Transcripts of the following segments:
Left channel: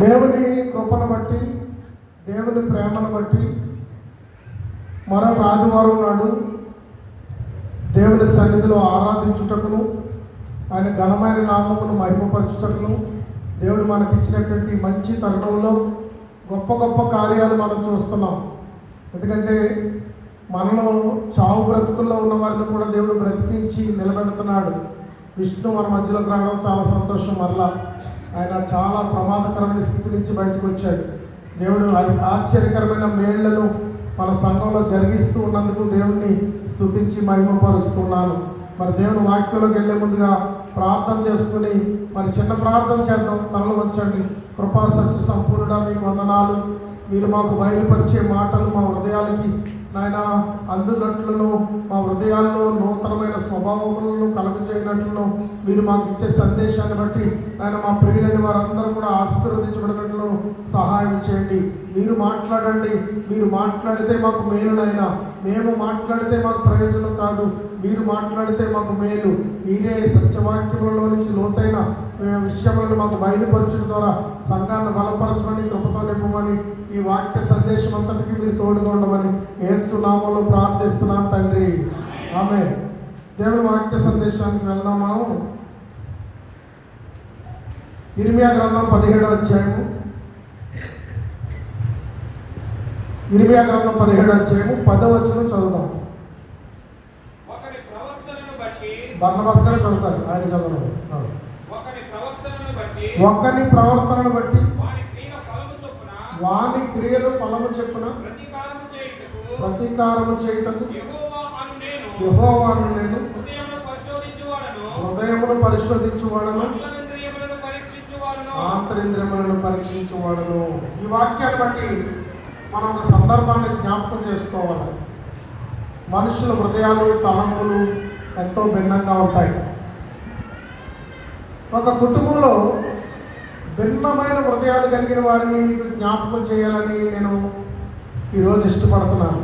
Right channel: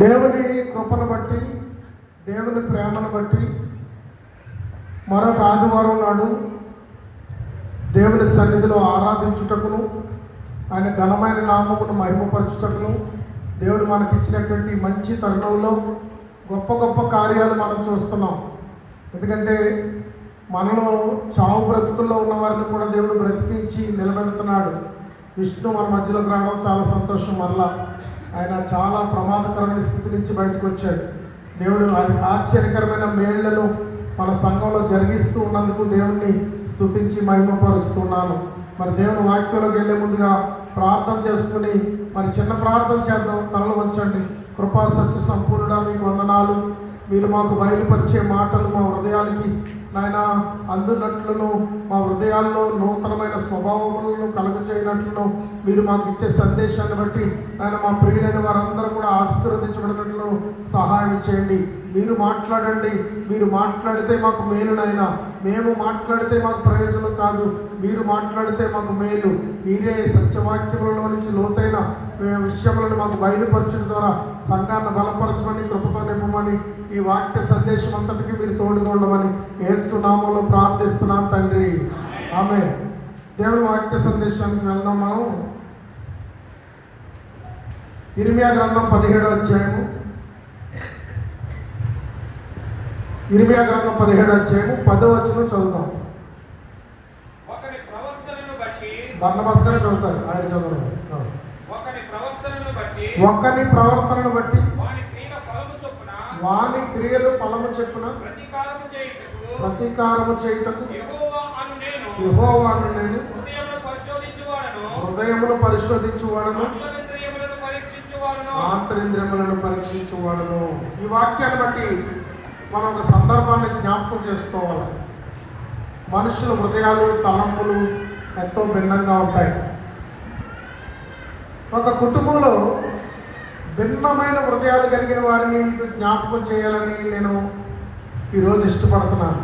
దేవుని కృపను బట్టి, దేవుని ప్రేమను బట్టి మరొక ఆదివారం నాడు దేవుని సన్నిధిలో ఆరాధించుటకును, ఆయన ఘనమైన నామమును మహిమపరచుటకును దేవుడు మనకిచ్చినటువంటి మంచి తరుణంలో గొప్ప గొప్ప కార్యాలు మనం చూస్తున్నాం. ఎందుకంటే మనలో చావు బ్రతుకుల్లో ఉన్న వారిని కూడా దేవుడు బ్రతికించి నిలబెడుతున్నాడు. విష్ణు మన మధ్యలోకి రావడం చాలా సంతోషం. మరలా ఆయన చాలా ప్రమాదకరమైన స్థితి నుంచి బయటకు వచ్చాడు. దేవుడు ఆశ్చర్యకరమైన మేళ్లను మన సంఘంలో జరిగిస్తూ ఉన్నందుకు దేవుణ్ణి స్తుతించి మహిమపరుస్తున్నాను. మరి దేవుని వాక్యంలోకి వెళ్ళే ముందుగా ప్రార్థన చేసుకుని మరి చిన్న ప్రార్థన చేద్దాం. తలలు వంచండి. కృపా సత్య సంపూర్ణుడా మీకు వందనాలు. మీరు మాకు బయలుపరిచే మాటలు మా హృదయాలకి నాయన అందునట్లును, మా హృదయాల్లో నూతనమైన స్వభావములను కలుగజేయనట్లును మీరు మాకు ఇచ్చే సందేశాన్ని బట్టి ఆయన మా ప్రియులైన వారందరూ కూడా ఆశీర్వదించబడినట్లు సహాయం చేయండి. మీరు మాట్లాడండి. మీరు మాట్లాడితే మాకు మేలునైనా, మేము మాట్లాడితే మాకు ప్రయోజనం కాదు. మీరు మాట్లాడితే మాకు మేలు. మీరే సత్యవాక్యములలో నుంచి లోతైన విషయములను మాకు బయలుపరచడం ద్వారా సంఘాన్ని బలపరచమని, కృపతో నింపమని, ఈ వాక్య సందేశం అంతటికి మీరు తోడుగా ఉండమని యేసు నామములో ప్రార్థిస్తున్నాను తండ్రి. ఆమేన్. దేవుని వాక్య సందేశానికి వెళ్దాం. మనం ఇర్మియా గ్రంథం 17వ అధ్యాయము. ఇర్మియా గ్రంథం 17వ అధ్యాయము 10వ వచనం చదువుదాం. బర్నబాస్గానే చదువుతారు, ఆయన చదవడం. ఒక్కని ప్రవర్తనను బట్టి వాని క్రియలు ఫలము చొప్పున ప్రతీకారము చేయుటకు యెహోవాను నేను హృదయమును పరిశోధించువాడను, ఆంతరింద్రియములను పరీక్షించువాడను. ఈ వాక్యాన్ని బట్టి మనం ఒక సందర్భాన్ని జ్ఞాపకం చేసుకోవాలి. మనుషుల హృదయాలు, తలంపులు ఎంతో భిన్నంగా ఉంటాయి. ఒక కుటుంబంలో భిన్నమైన హృదయాలు కలిగిన వారిని జ్ఞాపకం చేయాలని నేను ఈరోజు ఇష్టపడుతున్నాను.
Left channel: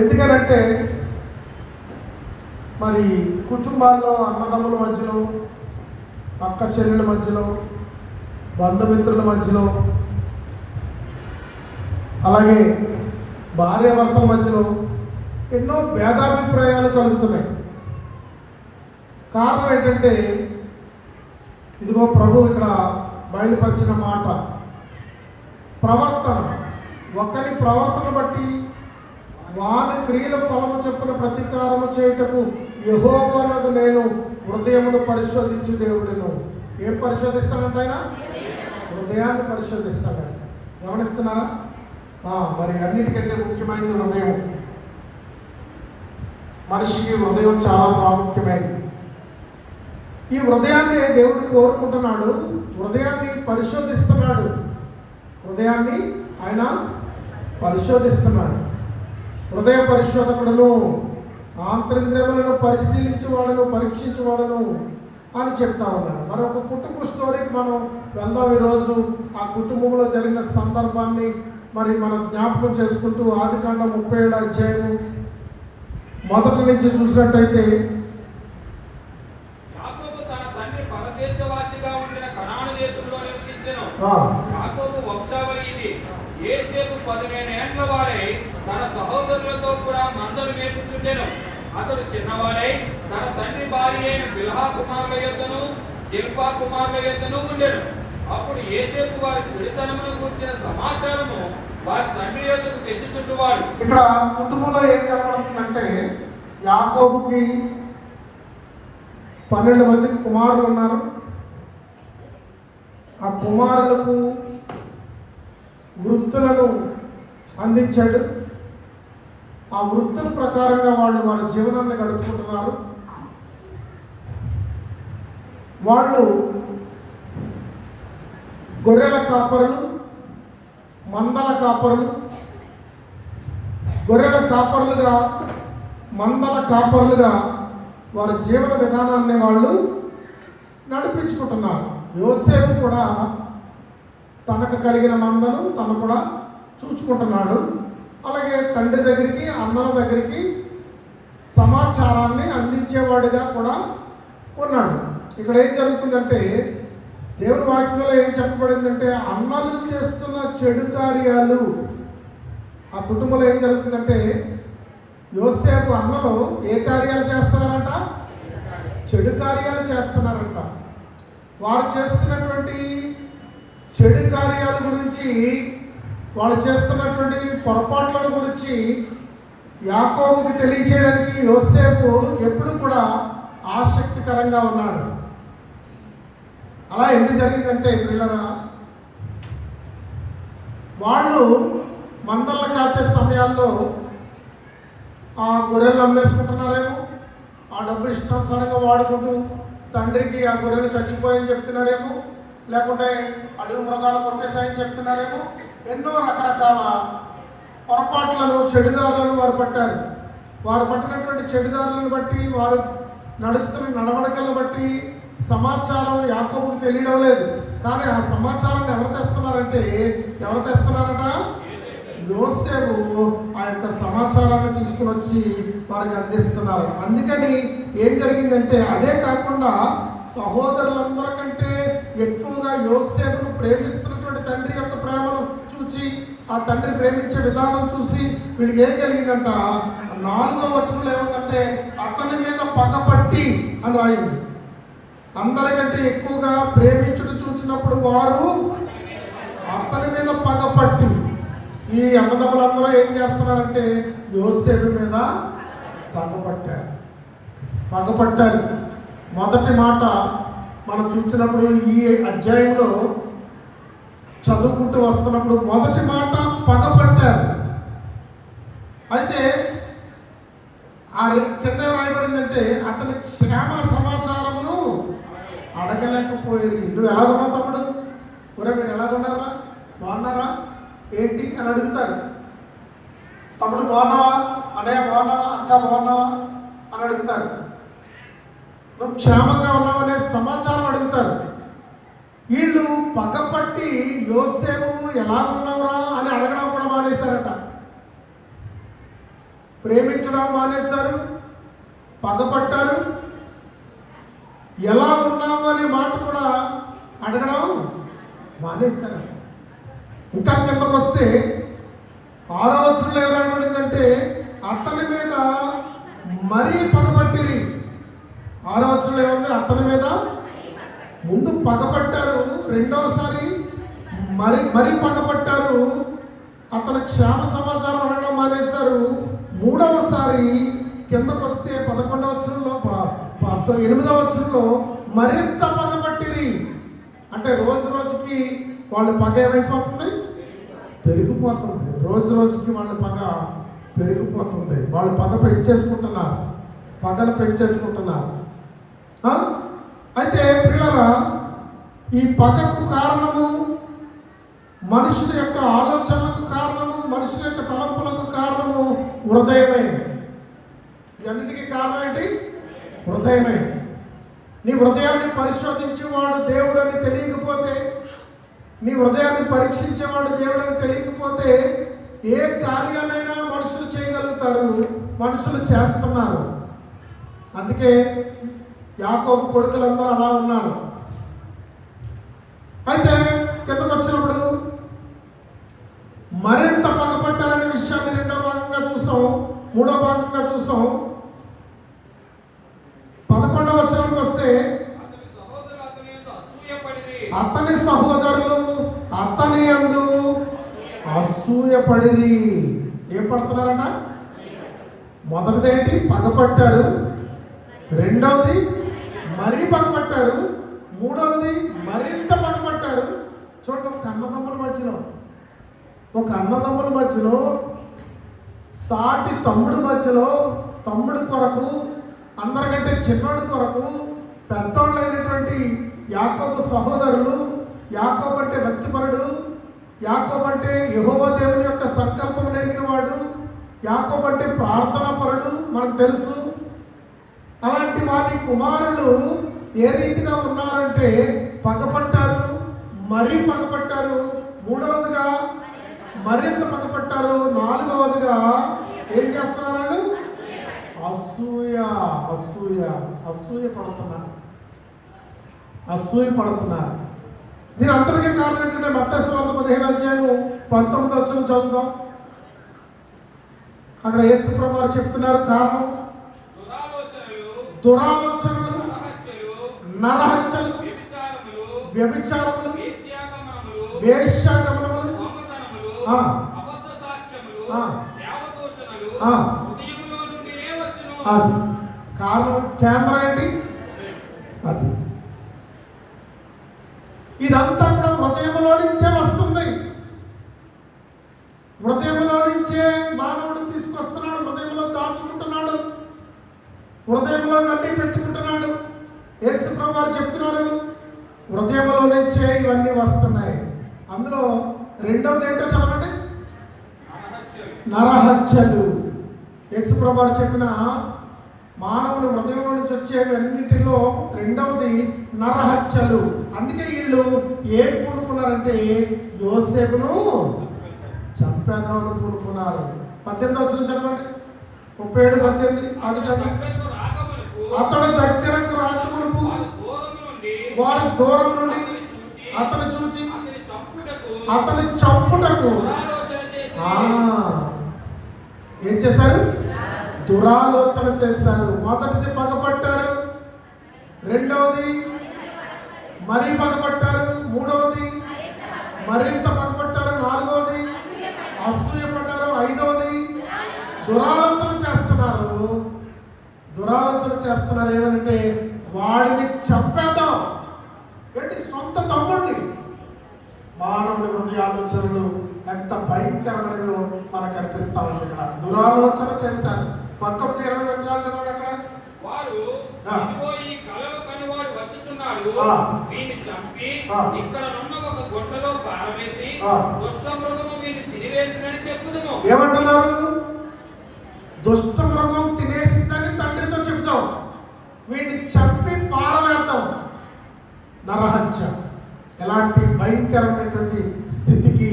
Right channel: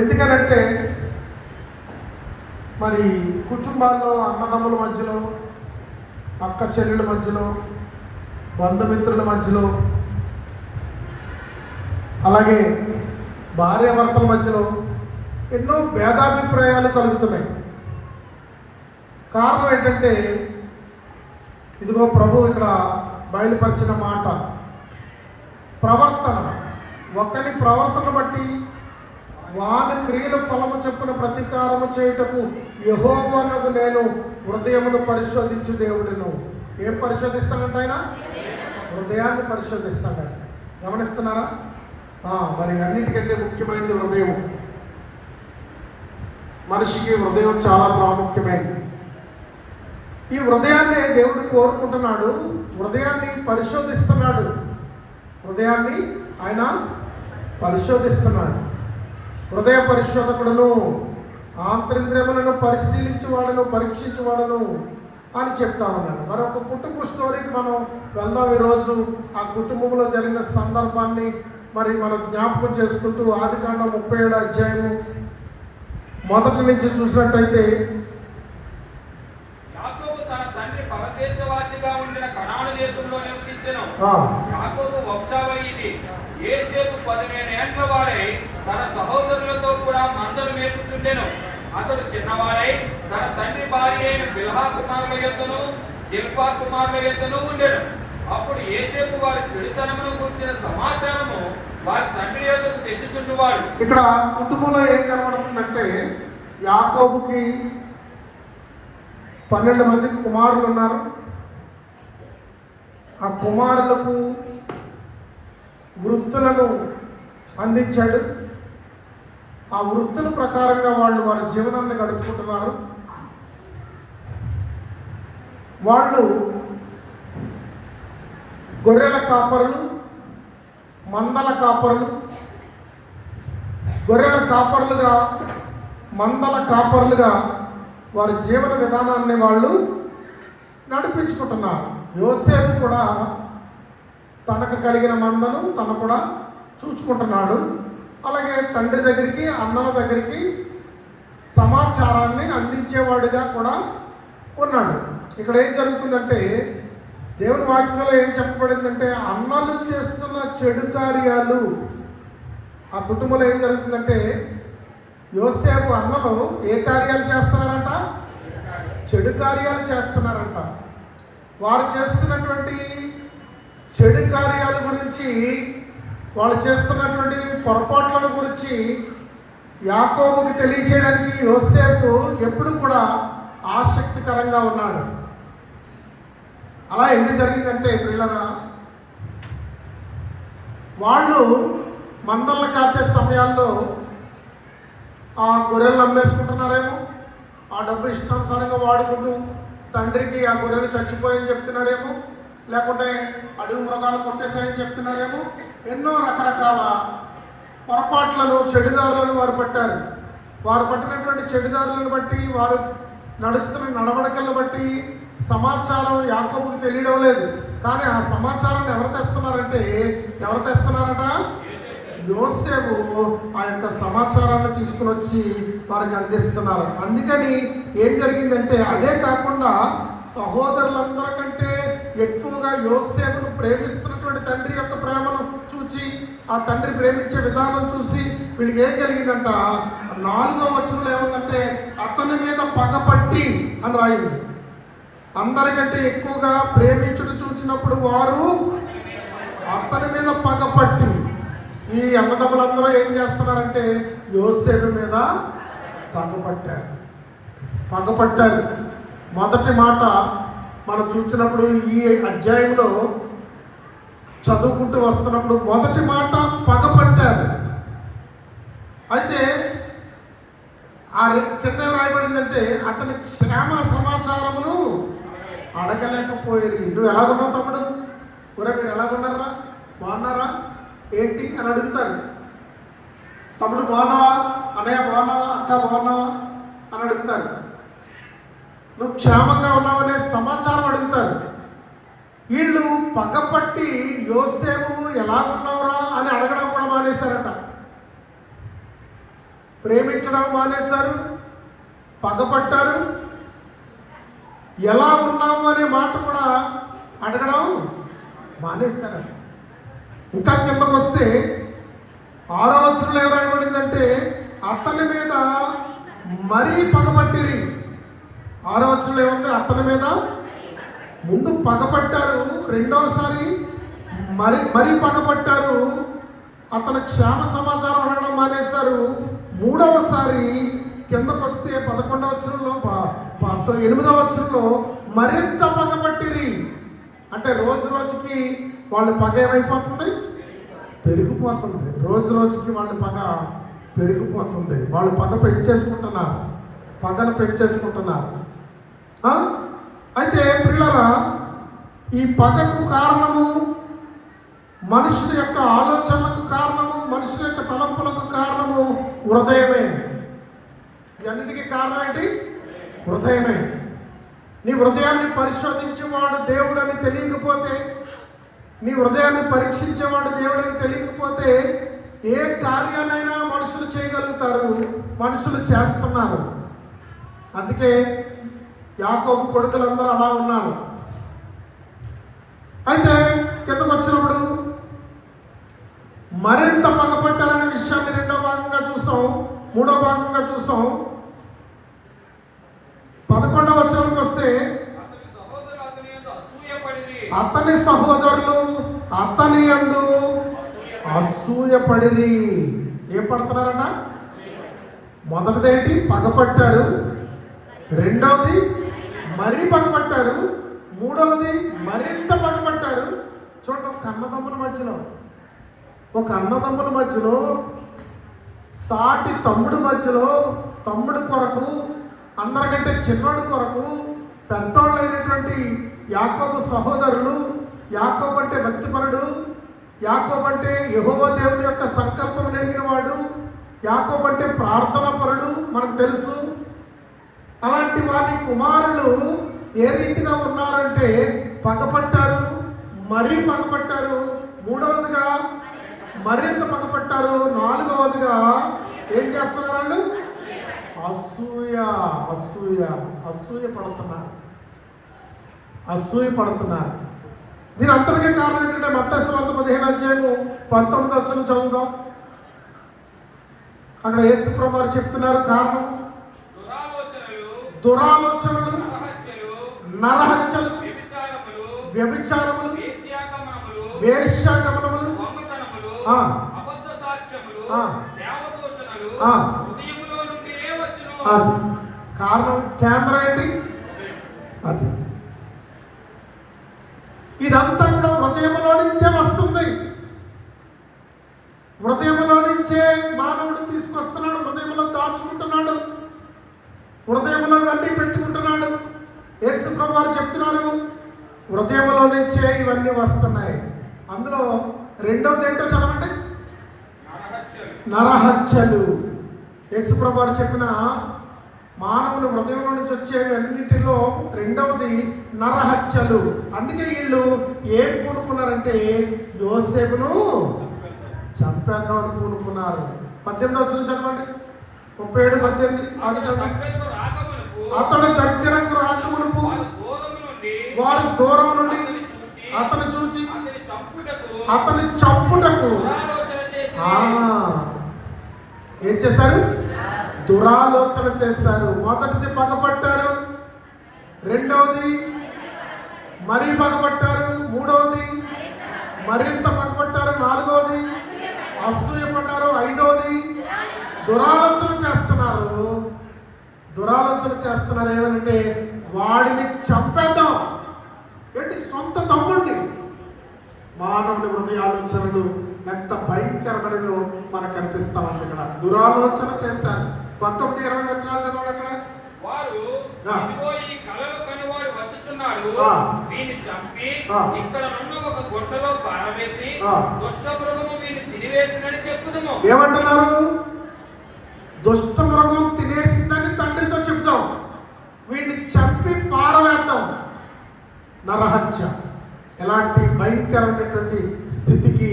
ఎందుకనంటే మరి కుటుంబాల్లో అన్నదమ్ముల మధ్యలో, అక్క చెల్లెల మధ్యలో, బంధుమిత్రుల మధ్యలో, అలాగే భార్యాభర్తల మధ్యలో ఎన్నో భేదాభిప్రాయాలు కలుగుతున్నాయి. కారణం ఏంటంటే ఇదిగో ప్రభు ఇక్కడ బయలుపరిచిన మాట ప్రవర్తన. ఒక్కని ప్రవర్తన బట్టి వాని క్రియల ఫలము చొప్పున ప్రతీకారము చేయుటకు యెహోవానగు నేను హృదయమును పరిశోధించు దేవుడును. ఏం పరిశోధిస్తాడంట ఆయన? హృదయాన్ని పరిశోధిస్తాడంట. గమనిస్తున్నారా? మరి అన్నిటికంటే ముఖ్యమైనది హృదయం. మనిషికి హృదయం చాలా ప్రాముఖ్యమైనది. ఈ హృదయాన్ని దేవుడు కోరుకుంటున్నాడు. హృదయాన్ని పరిశోధిస్తున్నాడు. హృదయాన్ని ఆయన పరిశోధిస్తున్నాడు. హృదయ పరిశోధకుడును, ఆంతరింద్రియములను పరిశీలించువాడును, పరీక్షించువాడును అని చెప్తా ఉన్నాడు. మరి ఒక కుటుంబ స్టోరీకి మనం వెళ్దాం. ఈరోజు ఆ కుటుంబంలో జరిగిన సందర్భాన్ని మరి మనం జ్ఞాపకం చేసుకుంటూ ఆదికాండం 37వ అధ్యాయము మొదటి నుంచి చూసినట్టయితే యాకోబు వంశావళిది. యోసేపు 15 ఏళ్ల వాడై తన సహోదరులతో కూడా మందను మేపుచుండెను. అతడు చిన్నవాడై తన తండ్రి భార్య అయిన బిల్హా కుమారుల యొద్దను జిల్పా కుమారుల యొద్దను ఉండెను. అప్పుడు యోసేపు వారి చెడుతనమును గూర్చిన సమాచారము వారి తండ్రి యొద్దకు తెచ్చుచుండువాడు. ఇక్కడ కుటుంబంలో ఏం కనబడుతుందంటే యాకోబుకి 12 మంది కుమారులు ఉన్నారు. ఆ కుమారులకు వృత్తులను అందించాడు. ఆ వృత్తుల ప్రకారంగా వాళ్ళు వారి జీవనాన్ని గడుపుకుంటున్నారు. వాళ్ళు గొర్రెల కాపరులు, మందల కాపరులు. గొర్రెల కాపరులుగా, మందల కాపరులుగా వారి జీవన విధానాన్ని వాళ్ళు నడిపించుకుంటున్నారు. యోసేపు కూడా తనకు కలిగిన మందను తను కూడా చూచుకుంటున్నాడు. అలాగే తండ్రి దగ్గరికి, అన్నల దగ్గరికి సమాచారాన్ని అందించేవాడిగా కూడా ఉన్నాడు. ఇక్కడ ఏం జరుగుతుందంటే దేవుని వాక్యంలో ఏం చెప్పబడిందంటే అన్నలు చేస్తున్న చెడు కార్యాలు, ఆ కుటుంబంలో ఏం జరుగుతుందంటే యోసేపు అన్నలు ఏ కార్యాలు చేస్తున్నారంట? చెడు కార్యాలు చేస్తున్నారంట. వారు చేస్తున్నటువంటి చెడు కార్యాల గురించి, వాళ్ళు చేస్తున్నటువంటి పొరపాట్ల గురించి యాకోబుకి తెలియచేయడానికి యోసేపు ఎప్పుడు కూడా ఆసక్తికరంగా ఉన్నాడు. అలా ఎందుకు జరిగిందంటే పిల్లరా, వాళ్ళు మందలను కాచే సమయాల్లో ఆ గొర్రెలు అమ్మేసుకుంటున్నారేమో, ఆ డబ్బు ఇష్టానుసారంగా వాడుకుంటూ తండ్రికి ఆ గొర్రెలు చచ్చిపోయని చెప్తున్నారేమో, లేకుంటే అడవి మృగాలు కొట్టేశాయని చెప్తున్నారేమో. ఎన్నో రకరకాల పొరపాట్లను, చెడుదారులను వారు పట్టారు. వారు పట్టినటువంటి చెడుదారులను బట్టి, వారు నడుస్తున్న నడవడికలను బట్టి సమాచారం యాకోబుకి తెలియడం లేదు. కానీ ఆ సమాచారాన్ని ఎవరు తెస్తున్నారట? యోసేపు ఆ యొక్క సమాచారాన్ని తీసుకుని వచ్చి వారికి అందిస్తున్నారు. అందుకని ఏం జరిగిందంటే, అదే కాకుండా సహోదరులందరికంటే ఎక్కువగా యోసేపును ప్రేమిస్తున్నటువంటి తండ్రి యొక్క ప్రేమను చూచి, ఆ తండ్రి ప్రేమించే విధానం చూసి వీళ్ళకి ఏం కలిగిందంట? 4వ వచనంలో ఏముందంటే అతని మీద పగపట్టి అని రాయింది. అందరికంటే ఎక్కువగా ప్రేమించుడు చూచినప్పుడు వారు అతని మీద పగపట్టి, ఈ అన్నదమ్ములందరూ ఏం చేస్తున్నారంటే యోసేపు మీద పగపట్టారు. మొదటి మాట మనం చూసినప్పుడు ఈ అధ్యాయంలో చదువుకుంటూ వస్తున్నప్పుడు మొదటి మాట పగపట్టారు. అయితే ఆ కింద రాయబడిందంటే అతని క్షేమ సమాచారమును అడగలేకపోయేది. నువ్వు ఎలాగున్నావు తమ్ముడు? ఒరే మీరు ఎలాగున్నారా? బాగున్నారా? ఏంటి అని అడుగుతారు. తమ్ముడు బాగున్నావా? అన్నయ్య బాగున్నావా? అక్క బాగున్నావా అని అడుగుతారు. నువ్వు క్షేమంగా ఉన్నావనే సమాచారం అడుగుతారు. వీళ్ళు పగపట్టి యోసేపు ఎలాగున్నావురా అని అడగడం కూడా మానేశారట. ప్రేమించడం మానేశారు, పగపట్టారు. ఎలా ఉన్నావు అనే మాట కూడా అడగడం మానేశారట. ఇంకా కిందకు వస్తే 6వ వచనంలో ఏమైపడిందంటే అతని మీద మరీ పగపట్టిరి. 6వ వచనంలో ఏముంది? అతని మీద ముందు పగపట్టారు, రెండవసారి మరీ పగపట్టారు. అతని క్షేమ సమాచారం అడగడం మానేశారు. 3వసారి కిందకు వస్తే 11వ వచనంలో 8వ వచనంలో మరింత పగపట్టిరి. అంటే రోజు రోజుకి వాళ్ళ పగ ఏమైపోతుంది? పెరిగిపోతుంది. రోజు రోజుకి వాళ్ళ పగ పెరిగిపోతుంది. వాళ్ళు పగను పెంచేసుకుంటున్నారు. అయితే పిల్లరా, ఈ పగకు కారణము మనుషుల యొక్క ఆలోచనలకు కారణము, మనుషుల యొక్క తలంపులకు కారణము హృదయమే. అన్నిటికీ కారణం ఏంటి? హృదయమే. నీ హృదయాన్ని పరిశోధించేవాడు దేవుడని తెలియకపోతే, నీ హృదయాన్ని పరీక్షించేవాడు దేవుడని తెలియకపోతే ఏ కార్యాలైనా మనుషులు చేయగలుగుతారు, మనుషులు చేస్తున్నారు. అందుకే యాకోబు కొడుకులందరూ అలా ఉన్నారు. అయితే కిందకు వచ్చినప్పుడు మరింత పగపట్టాలనే విషయాన్ని 2వ భాగంగా చూసాం, 3వ భాగంగా చూసాం. 11వ వచనానికి వస్తే అతని సహోదరులు అతని యందు అసూయపడిరి. ఏం పడుతున్నారట? మొదటిది ఏంటి? పగపట్టారు. రెండవది మరీ పగపట్టారు. మూడవది మరింత పగపట్టారు. చూడండి, ఒక అన్నదమ్ముల మధ్యలో సాటి తమ్ముడు మధ్యలో, తమ్ముడు కొరకు, అందరికంటే చిన్నోడు కొరకు పెద్దోళ్ళైనటువంటి యాకోబు సహోదరులు, యాకోబు అంటే భక్తిపరుడు, యాకోబు అంటే యెహోవా దేవుని యొక్క సంకల్పం నెరిగిన వాడు, యాకోబు అంటే ప్రార్థనాపరుడు మనకు తెలుసు. అలాంటి వారి కుమారులు ఏ రీతిగా ఉన్నారంటే పగపట్టారు, మరీ పగపట్టారు. మూడవదిగా మరింత పగపట్టారు. నాలుగవదిగా ఏం చేస్తున్నారు? అసూయ పడుతున్నారు. దీని అంతటికీ కారణం ఏంటంటే మత్తయి సువార్త 15 అధ్యాయము 19 చదువుదాం. అక్కడ యేసు ప్రభువు వారు చెప్తున్నారు కారణం. దురాలోచనలు, నరహత్యలు, వ్యభిచారములు, వేశ్యాగమనములు, అది కారణం. కేంద్రం ఏంటి? అది ఇదంతా కూడా హృదయంలో నుంచే వస్తుంది. హృదయంలో నుంచే మానవుడు తీసుకొస్తున్నాడు, హృదయంలో దాచుకుంటున్నాడు, హృదయంలో అన్నీ పెట్టుకుంటున్నాడు. యేసు ప్రభువు వారు చెప్తున్నారు హృదయంలో నుంచే ఇవన్నీ వస్తున్నాయి. అందులో రెండవది ఏంటో చదవండి. నరహత్యలు. యేసు ప్రభువు వారు చెప్పిన మానవుని హృదయంలో నుంచి వచ్చేవి అన్నిటిలో రెండవది నరహత్యలు. అందుకే వీళ్ళు ఏం పూనుకున్నారంటే యోసేపును చంపేద్దామని పూనుకున్నారు. 18 వచనం చదవండి. 37, 18 అతడు దగ్గరకు రాకమునుపు వారు దూరం నుండి అతను చూచి అతని చంపుటకు ఏం చేశారు? దురాలోచన చేశారు. మొదటిది పగపట్టారు, రెండవది మరీ పగపట్టారు, మూడవది మరింత పగపట్టారు, నాలుగవది అసూయపడ్డారు, ఐదవది దురాలోచన చేస్తున్నారు. దురాలోచన చేస్తున్నారు ఏమంటే వాడిని చంపేద్దాం. ఏంటి? సొంత తమ్ముడిని. మానవుడి హృదయాలోచనలు ఎంత భయంకరమైనదో మనకు కనిపిస్తా ఉంది. ఇక్కడ దురాలోచన చేశారు. 19, 20 వచనాలు చదవండి. అక్కడ వారు ఈ కలలు కనివాడు వచ్చుచున్నాడు, వీని చంపి ఇక్కడ ఉన్న ఒక గుట్టలో పారవేసి దుష్ట మృగము వీని తినివేసిందని చెప్పుదుము. ఏమంటున్నారు? దుష్ట మృగం తినేసిందని తండ్రితో చెప్తాం, వీడిని చంపి పారవేద్దాం. నరహత్య. ఎలాంటి భయంకరమైనటువంటి స్థితికి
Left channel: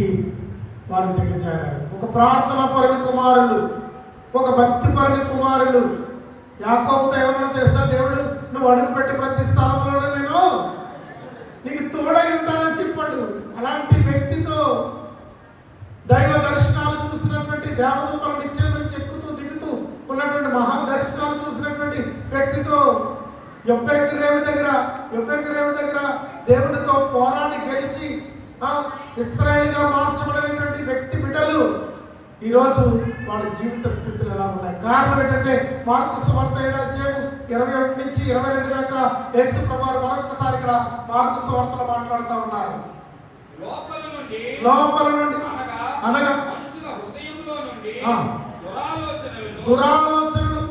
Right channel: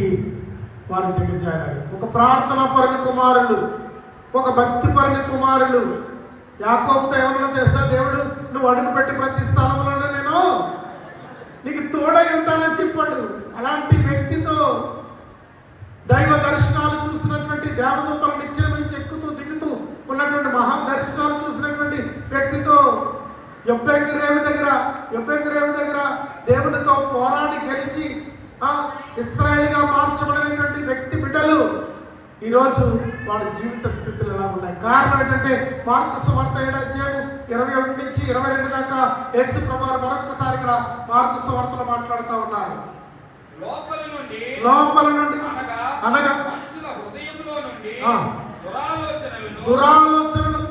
వారి దగ్గర చేరారు. ఒక ప్రార్థన పరుని కుమారులు, ఒక భక్తి పరుని కుమారులు. యాకోబుతో ఏమన్నా తెలుసా? దేవుడు నువ్వు అడుగుపెట్టి ప్రతి స్థలంలోనే నేను నీకు తోడై ఉంటానని చెప్పాడు. అలాంటి వ్యక్తితో దైవ దర్శనాలు చూసినటువంటి, దేవదూతల నిత్యం నుంచి ఎక్కుతూ దిగుతూ ఉన్నటువంటి మహా దర్శనాలు చూసినటువంటి వ్యక్తితో యొబ్బెకు రేవు దగ్గర దేవునితో పోరాడి గెలిచి ఇశ్రాయేలుగా మార్చబడినటువంటి వ్యక్తి బిడ్డలు ఈరోజు వాళ్ళ జీవిత స్థితులు ఎలా ఉన్నాయి? కారణం ఏంటంటే మార్కు సువార్త 7 అధ్యాయం 21 నుంచి 22 దాకా యేసు ప్రభువు మరొకసారి ఇక్కడ మార్కు సువార్తలో మాట్లాడుతూ ఉన్నారు. లోపల నుండి అనగా మనుషుల హృదయంలో నుండి దురాలోచనలు,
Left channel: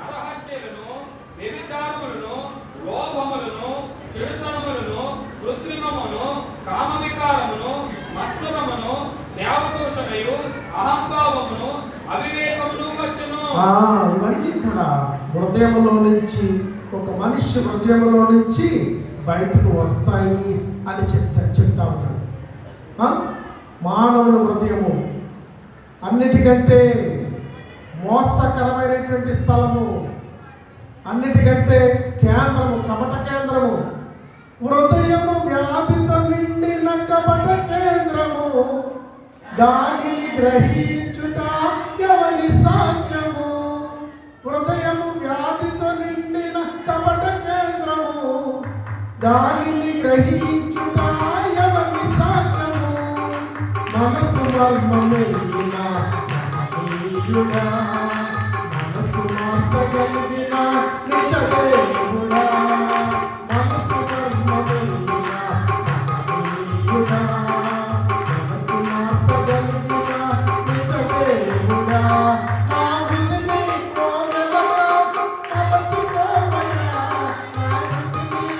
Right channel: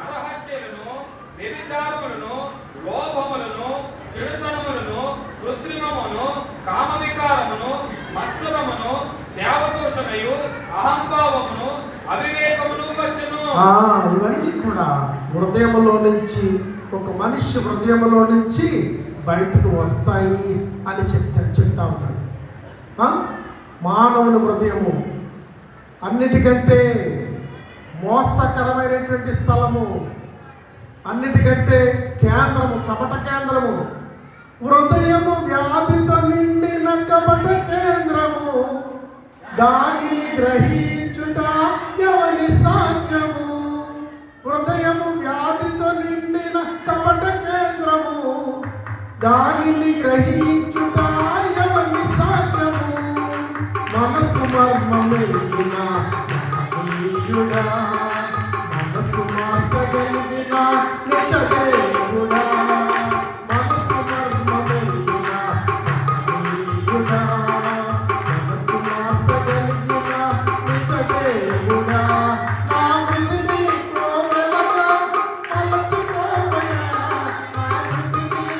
నరహత్యలను, వ్యభిచారములను, లోభములను, చెడుతనములను, కృత్రిమమును, కామవికారమును, మత్సరమును, దేవదూషణయు, అహంభావమును, అవివేకమును వచ్చును. ఇవన్నీ కూడా హృదయంలో నుంచి, ఒక మనిషి హృదయంలో నుంచి బయటకు వస్తాయి అని చెప్తా ఉన్నాడు. మానవుని హృదయము అన్నిటికంటే మోసకరమైనటువంటి స్థలము, అన్నిటికంటే కేంద్రము, కపట కేంద్రము. హృదయము వ్యాధితో నిండిన కపట కేంద్రము, దానిని గ్రహించుట ఎవని సాధ్యము? హృదయము వ్యాధితో నిండిన కపట కేంద్రము, దానిని గ్రహించుట ఎవని సాధ్యము? మనసు మర్మమెరిగిన దేవుడా, మనసు మార్చగలిగిన నిజ దేవుడా, మనసు మర్మమెరిగిన దేవుడా, మనసు మార్చగలిగిన నిజ దేవుడా, నా విధిని కోవెలగా తలచుకోవయ్యా, నా విధిని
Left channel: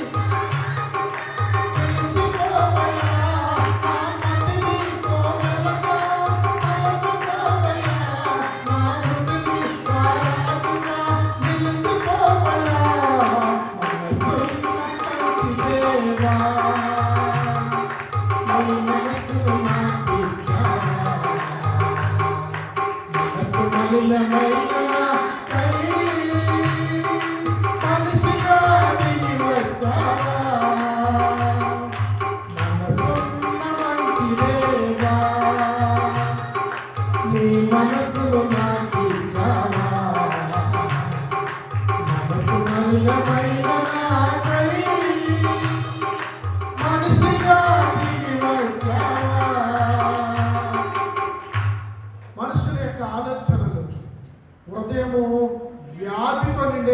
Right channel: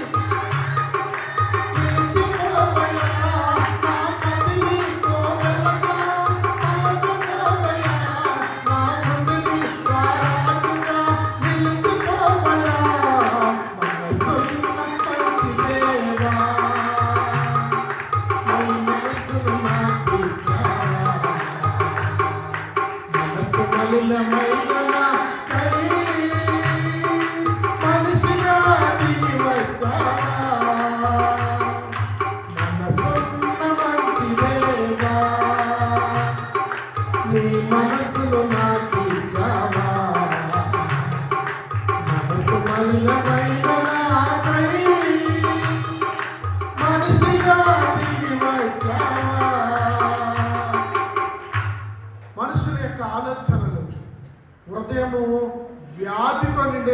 తెలుసుకోవయ్యా, నా మదిని కోవెలగా తలచుకోవయ్యా, నా హృదయని రారాజుగా నిలుచుకోవయ్యా, మనసున్న మంచి దేవా, నీ మనసును నాకిచ్చావా, మనసు మలినమైన నాకై మనిషిగా దిగి వచ్చావా,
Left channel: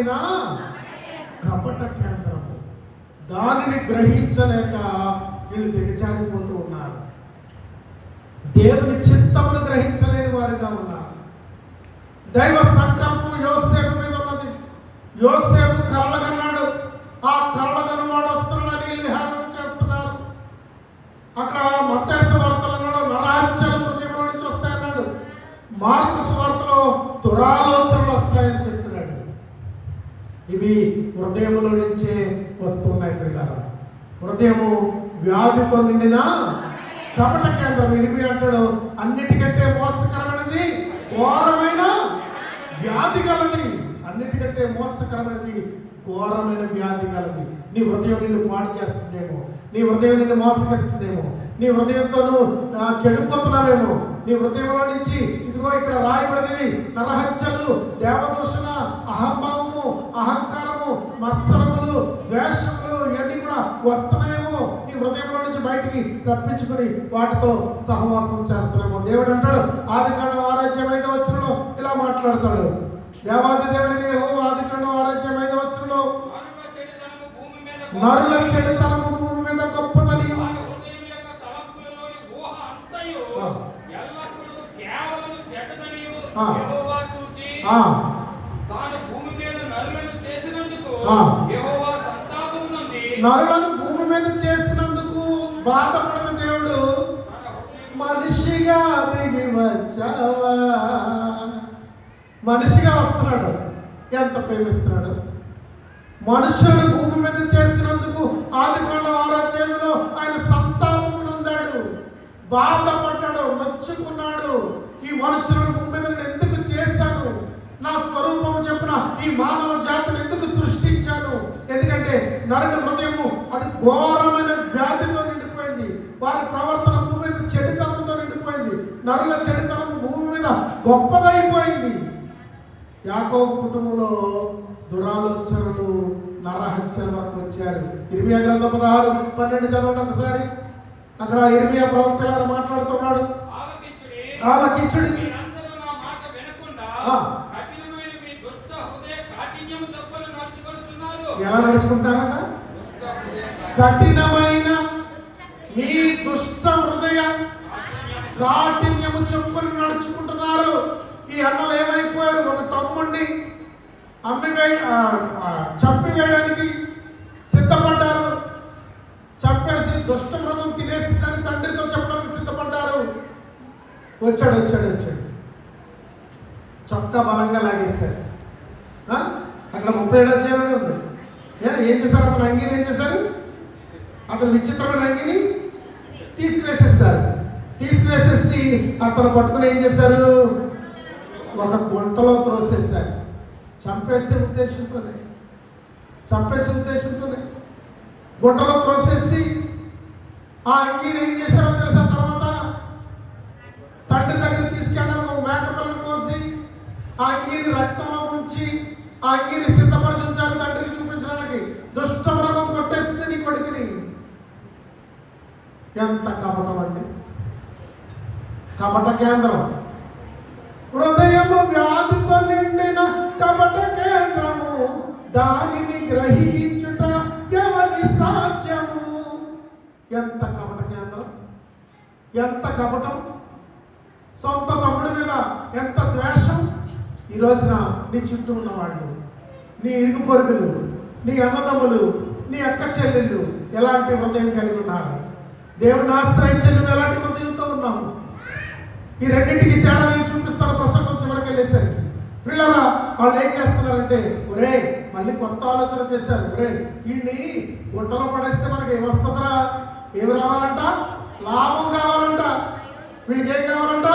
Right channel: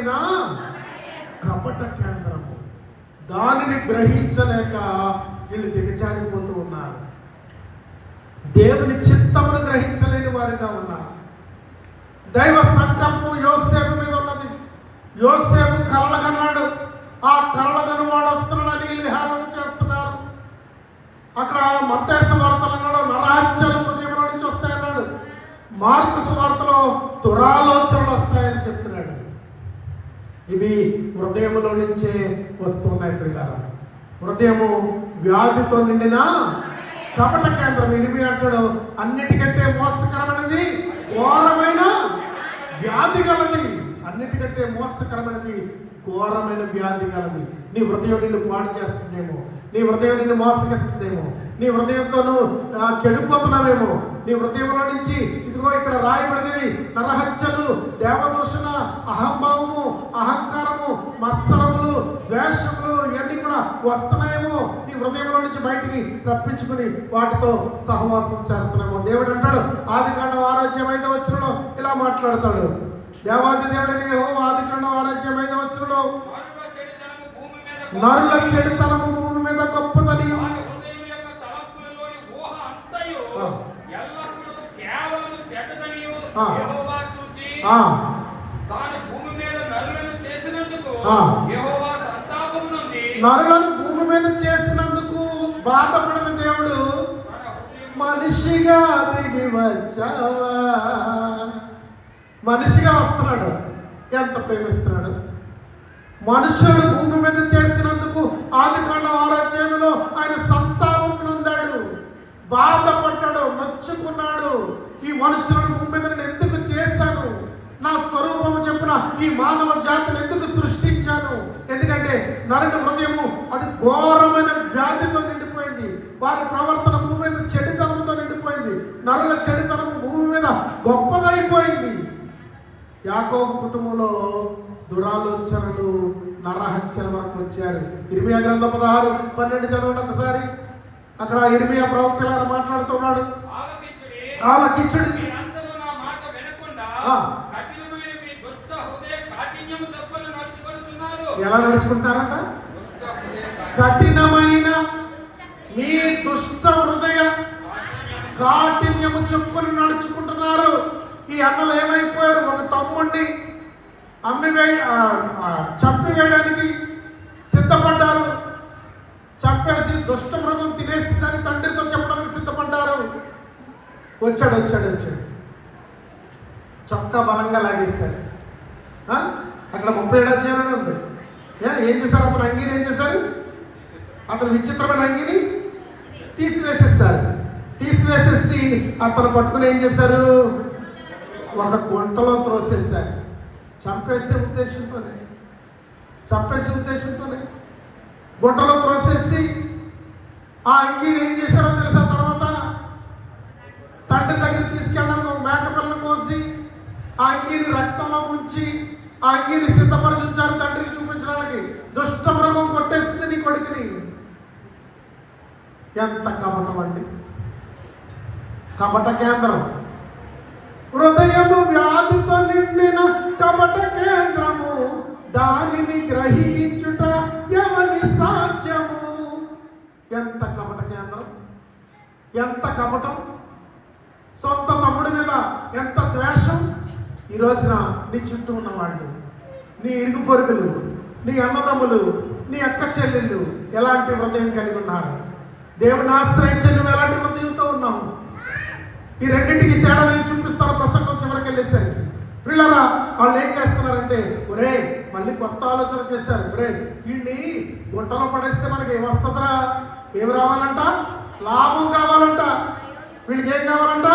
నిండిన కపట కేంద్రము. దానిని గ్రహించలేక వీళ్ళు దిగజారిపోతూ ఉన్నారు. దేవుని చిత్తమును గ్రహించలేని వారిగా ఉన్నారు. దైవ సంకల్పం యోసేపు మీద ఉన్నది. యోసేపు కలలుగన్నాడు. ఆ కలలుగన్నవాడు వస్తున్నాడని వీళ్ళు హేళన చేస్తున్నారు. అక్కడ మత్తయి సువార్తలో అన్నాడు నరహత్యలు హృదయంలో నుంచి వస్తాయన్నాడు. మార్కు సువార్తలో దురాలోచనలు వస్తాయని చెప్తున్నాడు. ఇవి హృదయంలో నుంచే వస్తున్నాయి పిల్లలు. హృదయము వ్యాధితో నిండిన కపట కేంద్రం. ఇరిమి అంటాడు అన్నిటికంటే మోసకరమైనది ఘోరమైన వ్యాధి గలది. అన్నిటికంటే మోసకరమైనది ఘోరమైన వ్యాధి గలది. నీ హృదయం నిన్ను పాడు చేస్తుందేమో, నీ హృదయం నిన్ను మోసగిస్తుందేమో, నీ హృదయంతో చెడిపోతున్నావేమో. నీ హృదయంలో నుంచి ఇదిగో ఇక్కడ రాయబడినవి నరహత్యలు, దేవదూషణ, అహంభావము, అహంకారము, మత్సరములు, ద్వేషములు ఇవన్నీ కూడా వస్తున్నాయేమో. నీ హృదయంలో నుంచి బయటికి రప్పించుకుని వాటితో సహవాసం చేస్తున్నాము. దేవుడు అంటాడు ఆదికాండం 6:5 ఇలా మాట్లాడతాడు. దేవాది దేవుడిని ఆదికాండం 6:5 నరుల చెడుతనము భూమి మీద గొప్పదని నరులను భూమి మీద చేసినందుకు బాధపడిన దేవుడు మనిషిగా దిగి వచ్చావా. మనిషిగా వస్తున్నాడు. ఎంత ప్రేమిస్తున్నాడు. మనుషులు భూమి మీద చేసినందుకు ఆదికాండం 6 ఆయన సంతాపం నొందాడు, బాధపడ్డాడు, నొచ్చుకున్నాడు. ఈ మనుషులను భూమి మీద నేను ఎందుకు చేశాను, నా స్వరూపము చెప్పిన ఈ మానవ జాతిని ఎందుకు సృష్టించాను? ఎందుకంటే నరుని హృదయము అది ఘోరమైన వ్యాధితో నిండిపోయింది. వారి ప్రవర్తన భూమి మీద చెడుతనంతో నిండిపోయింది. నరుల చెడుతనము భూమి మీద గొప్పదైపోయింది. యాకోబు కుటుంబంలో దురాలోచనలు, నరహత్యల వరకు వచ్చారు. ఇర్మియా గ్రంథం 16:12 చదవండి ఒకసారి. అక్కడ ఇర్మియా ప్రవక్త మాట్లాడుతున్నాడు. ఆలకించుడి, ఎలా నడుచుకుంటారట? కఠినమైన మీ దుష్ట హృదయ కాఠిన్యము చొప్పున నడుచుకుంటున్నారు. ఈ అన్నలు ఏమైపోయారు? ఒక తమ్ముడిని చంపివేయడానికి సిద్ధపడ్డారు. చంపేసి దుష్ట మృగం తినేసిందని తండ్రితో చెప్పడానికి సిద్ధపడ్డారు. వచ్చాడు చొక్కా బలంగా లాగేశారు. అక్కడ 37 అధ్యాయంలో ఉంది. ఏం చేశారు? అతను అంగీని ఏం చేశారు? అతను విచిత్రమైన అంగీని తీసివేసేసి అతను పట్టుకుని ఏం చేశారు? ఒక గుంటలో త్రోసేశారు. చంపేసే ఉద్దేశంతోనే గుంటలో త్రోసేసి ఆ అంగీని ఏం చేశారో తెలుసా? తర్వాత తండ్రి దగ్గర తీసుకెళ్ళడానికి ఒక మేక పిల్లను కోసి ఆ అంగీని రక్తంలో ముంచి ఆ అంగీని సిద్ధపరిచి ఉంచారు తండ్రికి చూపించడానికి. దుష్ట మృగం కొట్టేసింది నీ కొడుకుని. ఎంత కపటం అండి! కపట కేంద్రం. హృదయము వ్యాధితో నిండిన కపట కేంద్రము, దానిని గ్రహించుట ఎవరి సాధ్యము. ఎంత కపట కేంద్రం, ఎంత కపటం! సొంత తమ్ముడి మీద ఎంత ద్వేషం! ఈ రోజున నీ చుట్టూ ఉన్నవాళ్ళు, నీ ఇరుగు పొరుగులు, నీ అన్నదమ్ములు, నీ అక్క చెల్లెళ్ళు ఎలాంటి హృదయం కలిగి ఉన్నారు? దేవుని ఆశ్రయించే నువ్వు ఎలాంటి హృదయంతో ఉన్నావు? ఈ రెండింటికి తేడా నేను చూపిస్తాను ప్రసంగం చివరికి వెళ్ళేసరికి. పిల్లల వాళ్ళు ఏం చేస్తున్నారంటే, ఒరే మళ్ళీ కొత్త ఆలోచన చేశారు. ఒరే వీడిని గుంటలో పడేస్తే మనకి ఏమొస్తుందిరా? ఏమి రావాలంట? లాభం కావాలంట. వీడికి ఏం కావాలంట?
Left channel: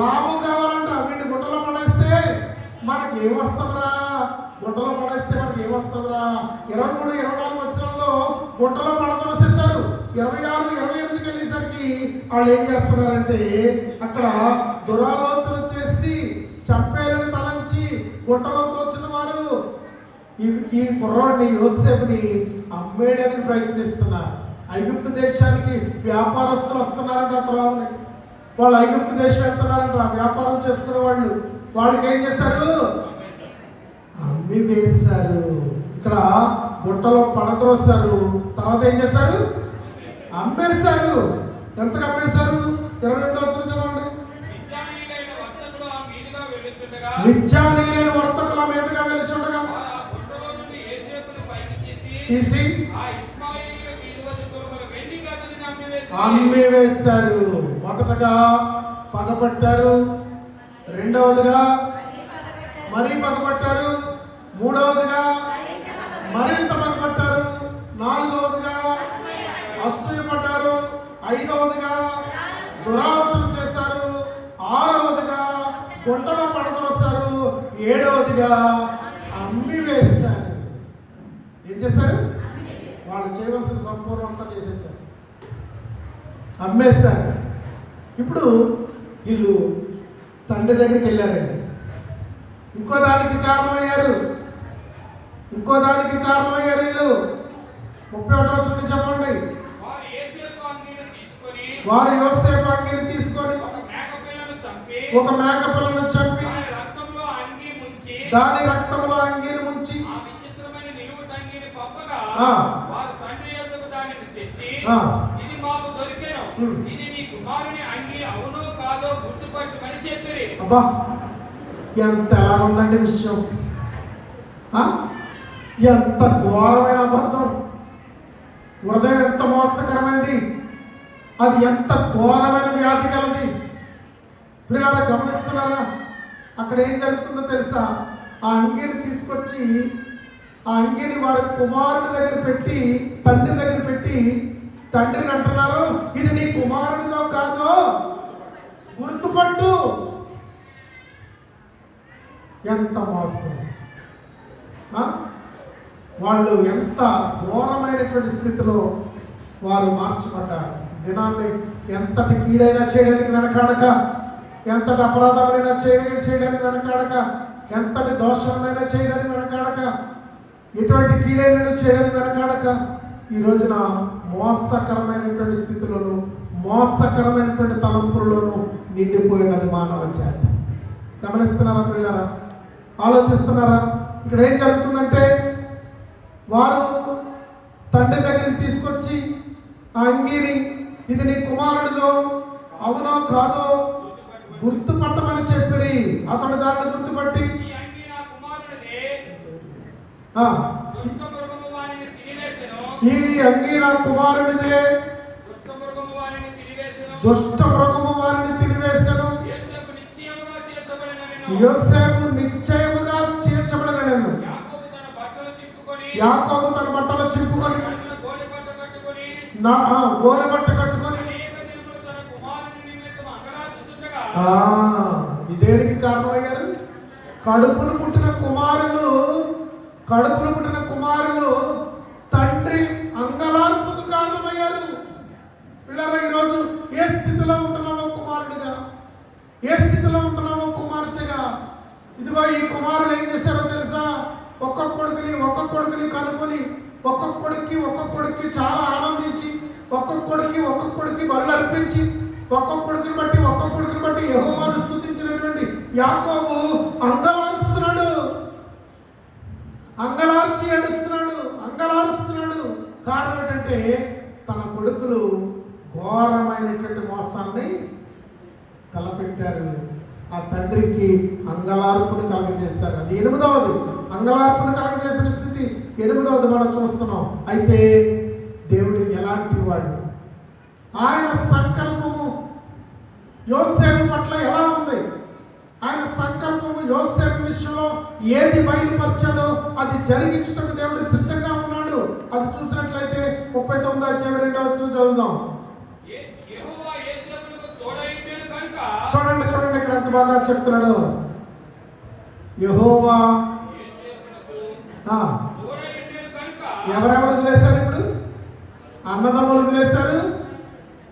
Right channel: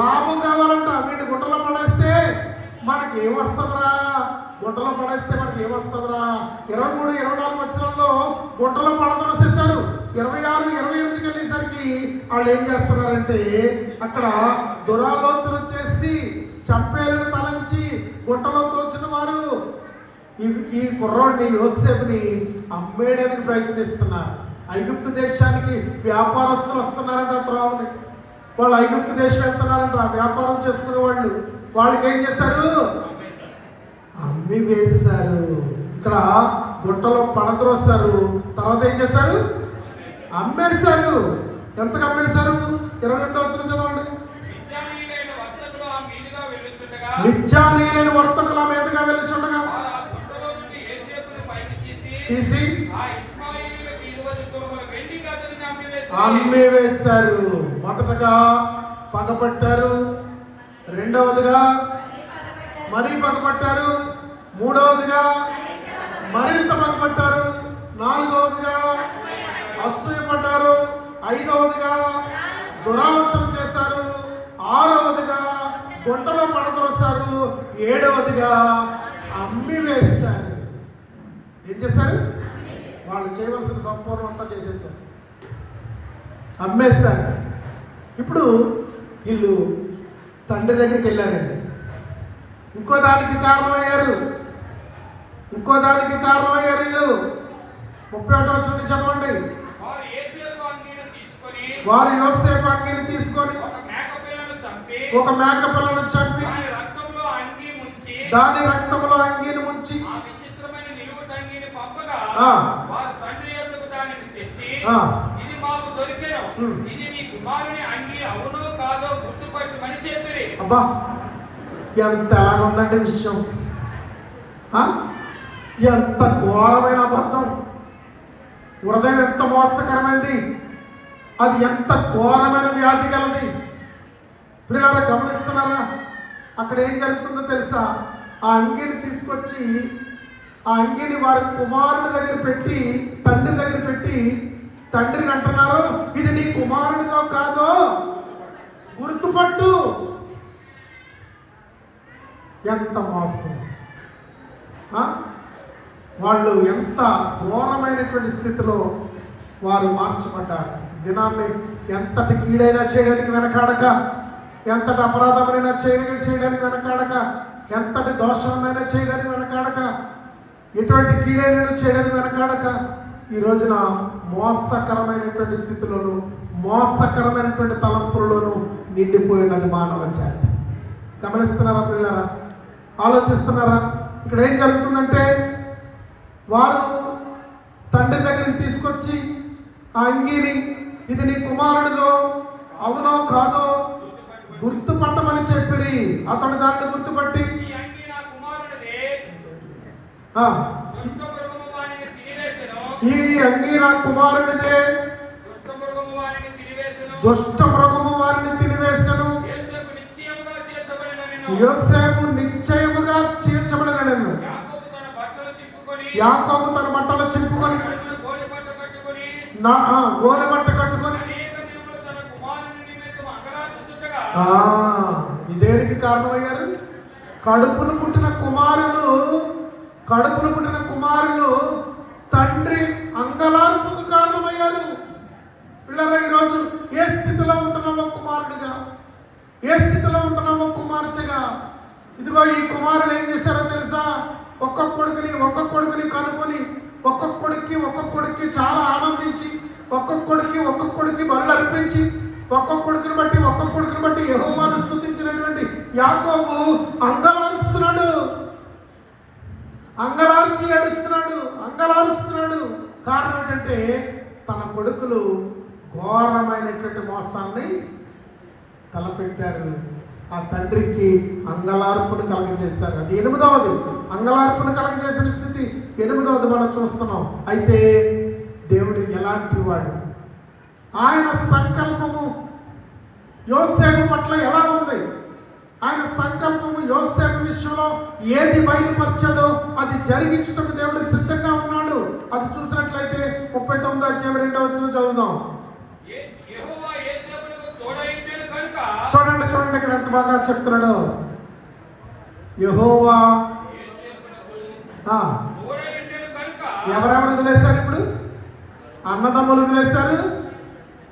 లాభం కావాలంట. వీడిని గుంటలో పడేస్తే మనకి ఏమొస్తుందిరా? గుంటలో పడేస్తే మనకి ఏమొస్తుందిరా? 23, 24 వచనంలో గుంటలో పడదొసేశారు. 26, 28 వెళ్ళేసరికి వాళ్ళు ఏం చేస్తున్నారంటే అక్కడ దురాలోచన చేసి చంపేయాలని తలంచి గుంటలో తోచిన వారు ఈ కుర్రోడిని యోసేపుని అమ్మేయడానికి ప్రయత్నిస్తున్నారు. ఐగుప్తు దేశానికి వ్యాపారస్తులు వస్తున్నారంట. త్రోవని వాళ్ళు ఐగుప్తు దేశం వెళ్తున్నారంట వ్యాపారం చేసుకునే వాళ్ళు. వాళ్ళకి ఏం చేశారు? అమ్మి వేశారు. ఇక్కడ గుట్టలో పడద్రోశారు, తర్వాత ఏం చేశారు? అమ్మేశారు. ఎంతకు అమ్మేశారు? 22వ వచనం చదవండి. మిద్యానీయులైన వర్తకులు ఆ మీదుగా వెళ్ళుచుండగా మిద్యానీయులైన వర్తకుల మీదుగా వెళ్ళుచుండగా వారు ఆ గుట్టలో నుండి యోసేపుని పైకి తీసి ఆ ఇష్మాయేలీయులకు 20 తులముల వెండికి అతనిని అమ్మివేశారు. అమ్మివేశారు. మొదటగా పగపట్టారు, రెండవదిగా మరీ పగపట్టారు, మూడవదిగా మరింత పగపట్టారు, నాలుగవదిగా అసూయపడ్డారు, ఐదవదిగా దురాలోచన చేశారు, ఆరవదిగా గుంటలో పడదోశారు, ఏడవదిగా అమ్మి వేశారు. ఏం చేశారు? వాళ్ళు చేయవలసిన సంపూర్ణం అంతా చేసేసారు, అమ్మేశారు. ఇప్పుడు వీళ్ళు తండ్రి దగ్గరికి వెళ్ళారండి. ఇంకో దానికి కారణమయ్యారు వీళ్ళు. 31వ వచనం చెప్పండి. వారు యోసేపు అంగీని తీసుకొని ఒక మేక పిల్లను చంపి దాని రక్తంలో అంగీని ముంచి విచిత్రమైన నిలువుట అంగీని పంపగా ఆ. వారు తండ్రి యొద్దకు దానిని తెచ్చి ఆ. ఇది మాకు దొరికెను, ఇది నీ కుమారుని అంగీ అవునో కాదో గుర్తుపట్టమని చెప్పిరి. అబ్బా, ఎంత ఎలా ఉందండి విషయం! ఎంత ఘోరమైన అబద్ధం! హృదయం ఎంత మోసకరమైంది! అది ఎంత ఘోరమైన వ్యాధి కలది! పిల్లలు గమనిస్తున్నారా? అక్కడ ఏం జరుగుతుందో తెలుసా? ఆ అంగీని తీసుకొచ్చి ఆ అంగీని వారి కుమారుడి దగ్గర పెట్టి, తండ్రి దగ్గర పెట్టి, తండ్రిని అంటున్నారు, ఇది నీ కుమారుడిదో కాదో గుర్తుపట్టు. ఎంత మోసం! వాళ్ళు ఎంత ఘోరమైనటువంటి స్థితిలో వారు మార్చబడ్డారు. దినాన్ని ఎంతటి కీడైనా చేయడానికి వెనకాడక, ఎంతటి అపరాధమైనా చేయడానికి వెనకాడక, ఎంతటి దోషమైనా చేయడానికి వెనకాడక, ఎటువంటి కీడైనా చేయడానికి వెనకాడక, ఈ రోజున మోసకరమైనటువంటి స్థితిలోను, మోసకరమైనటువంటి తలంపుల్లోనూ నిండిపోయినది మానవ జాతి. గమనిస్తున్నారా పిల్లరా? ఆలోచిస్తున్నారా? ఇక్కడ ఏం జరుగుతుందంటే, వారు తండ్రి దగ్గరికి తీసుకొచ్చి ఆ అంగీని, ఇది నీ కుమారుడిదో అవునో కాదో గుర్తుపట్టమని చెప్పిరి. అతడు దాన్ని గుర్తుపట్టి ఈ అంగీ నా కుమారుడిదే, ఆ దుష్టమృగము వానిని తినివేసెను, ఈ అంగీ నా కుమారుడిదే, దుష్టమృగము వానిని తినివేసెను, దుష్ట మృగము వారిని తినివేసెను, యోసేపు నిశ్చయముగా చేర్చబడిననెను, యోసేపు నిశ్చయముగా చేర్చబడిననెను. యాకోబు తన బట్టలు చింపుకొని యాకోబు తన బట్టలు చింపుకొని కడుపున గోనెపట్ట కట్టుకొని గోనెబట్ట కట్టుకొని అనేక దినములు తన కుమారుని నిమిత్తం అంగలార్చుచుండగా ఇదేనికి కారణమయ్యారు? కడుపును పుట్టిన కుమారులు తండ్రి అంగలార్పుకు కారణమయ్యారు. పిల్లరా, ఈరోజు ఏ స్థితిలో ఉంటున్నామో కుమారుడిగా, ఏ స్థితిలో ఉంటున్నామో కుమార్తెగా, ఇదిగో ఈ కుమారులు ఏం చేశారో తెలుసా? ఒక్కొక్క కొడుకుని కనుకొని ఒక్కొక్క కొడుక్కి చాలా ఆనందించి, ఒక్కొక్క కొడుక్కి బలు అర్పించి, ఒక్కొక్క కొడుకుని బట్టి యెహోవాను స్తుతించినటువంటి యాకోబు అంగలార్చి ఏడుస్తున్నాడు. కారణం ఏంటంటే, తన కొడుకులు ఘోరమైనటువంటి మోసాన్ని తలపెట్టారు. ఆ తండ్రికి అంగలార్పును కలగజేశారు. అది 8వది. అంగలార్పును కలగజేసిన స్థితి 8వది మనం చూస్తున్నాం. అయితే దేవుడు ఎలాంటి వాడు? ఆయన సంకల్పము యోసేపు పట్ల ఎలా ఉంది? ఆయన సంకల్పము యోసేపు విషయంలో ఏది బయలుపరచాడో అది జరిగించుటకు దేవుడు సిద్ధంగా ఉన్నాడు. అది చూసినట్లయితే 39వ అధ్యాయం 2వ వచనం చదువుదాం. యెహోవా యోసేపునకు తోడైండెను కనుక, చూడండి ఇక్కడ ఎంత బాగా చెప్తున్నాడు. యెహోవా యోసేపునకు ఆ తోడైండెను కనుక ఎవరెవరు వదిలేశారు? ఇప్పుడు అన్నదమ్ములు వదిలేశారు,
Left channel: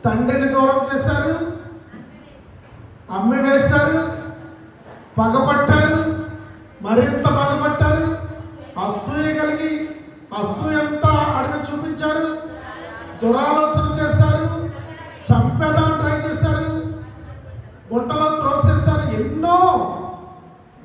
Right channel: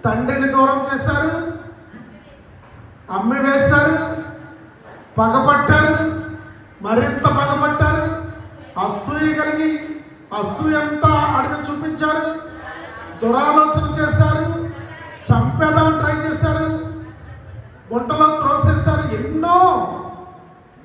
తండ్రిని దూరం చేశారు, అమ్మి వేశారు, పగపట్టారు, మరింత పగపట్టారు, అసూయ కలిగి అసూయంతా అడిగి చూపించారు, దురాలోచన చేశారు, చంపేదాన్ని ట్రై చేశారు, గుంటలో త్రోసేశారు. ఎన్నో.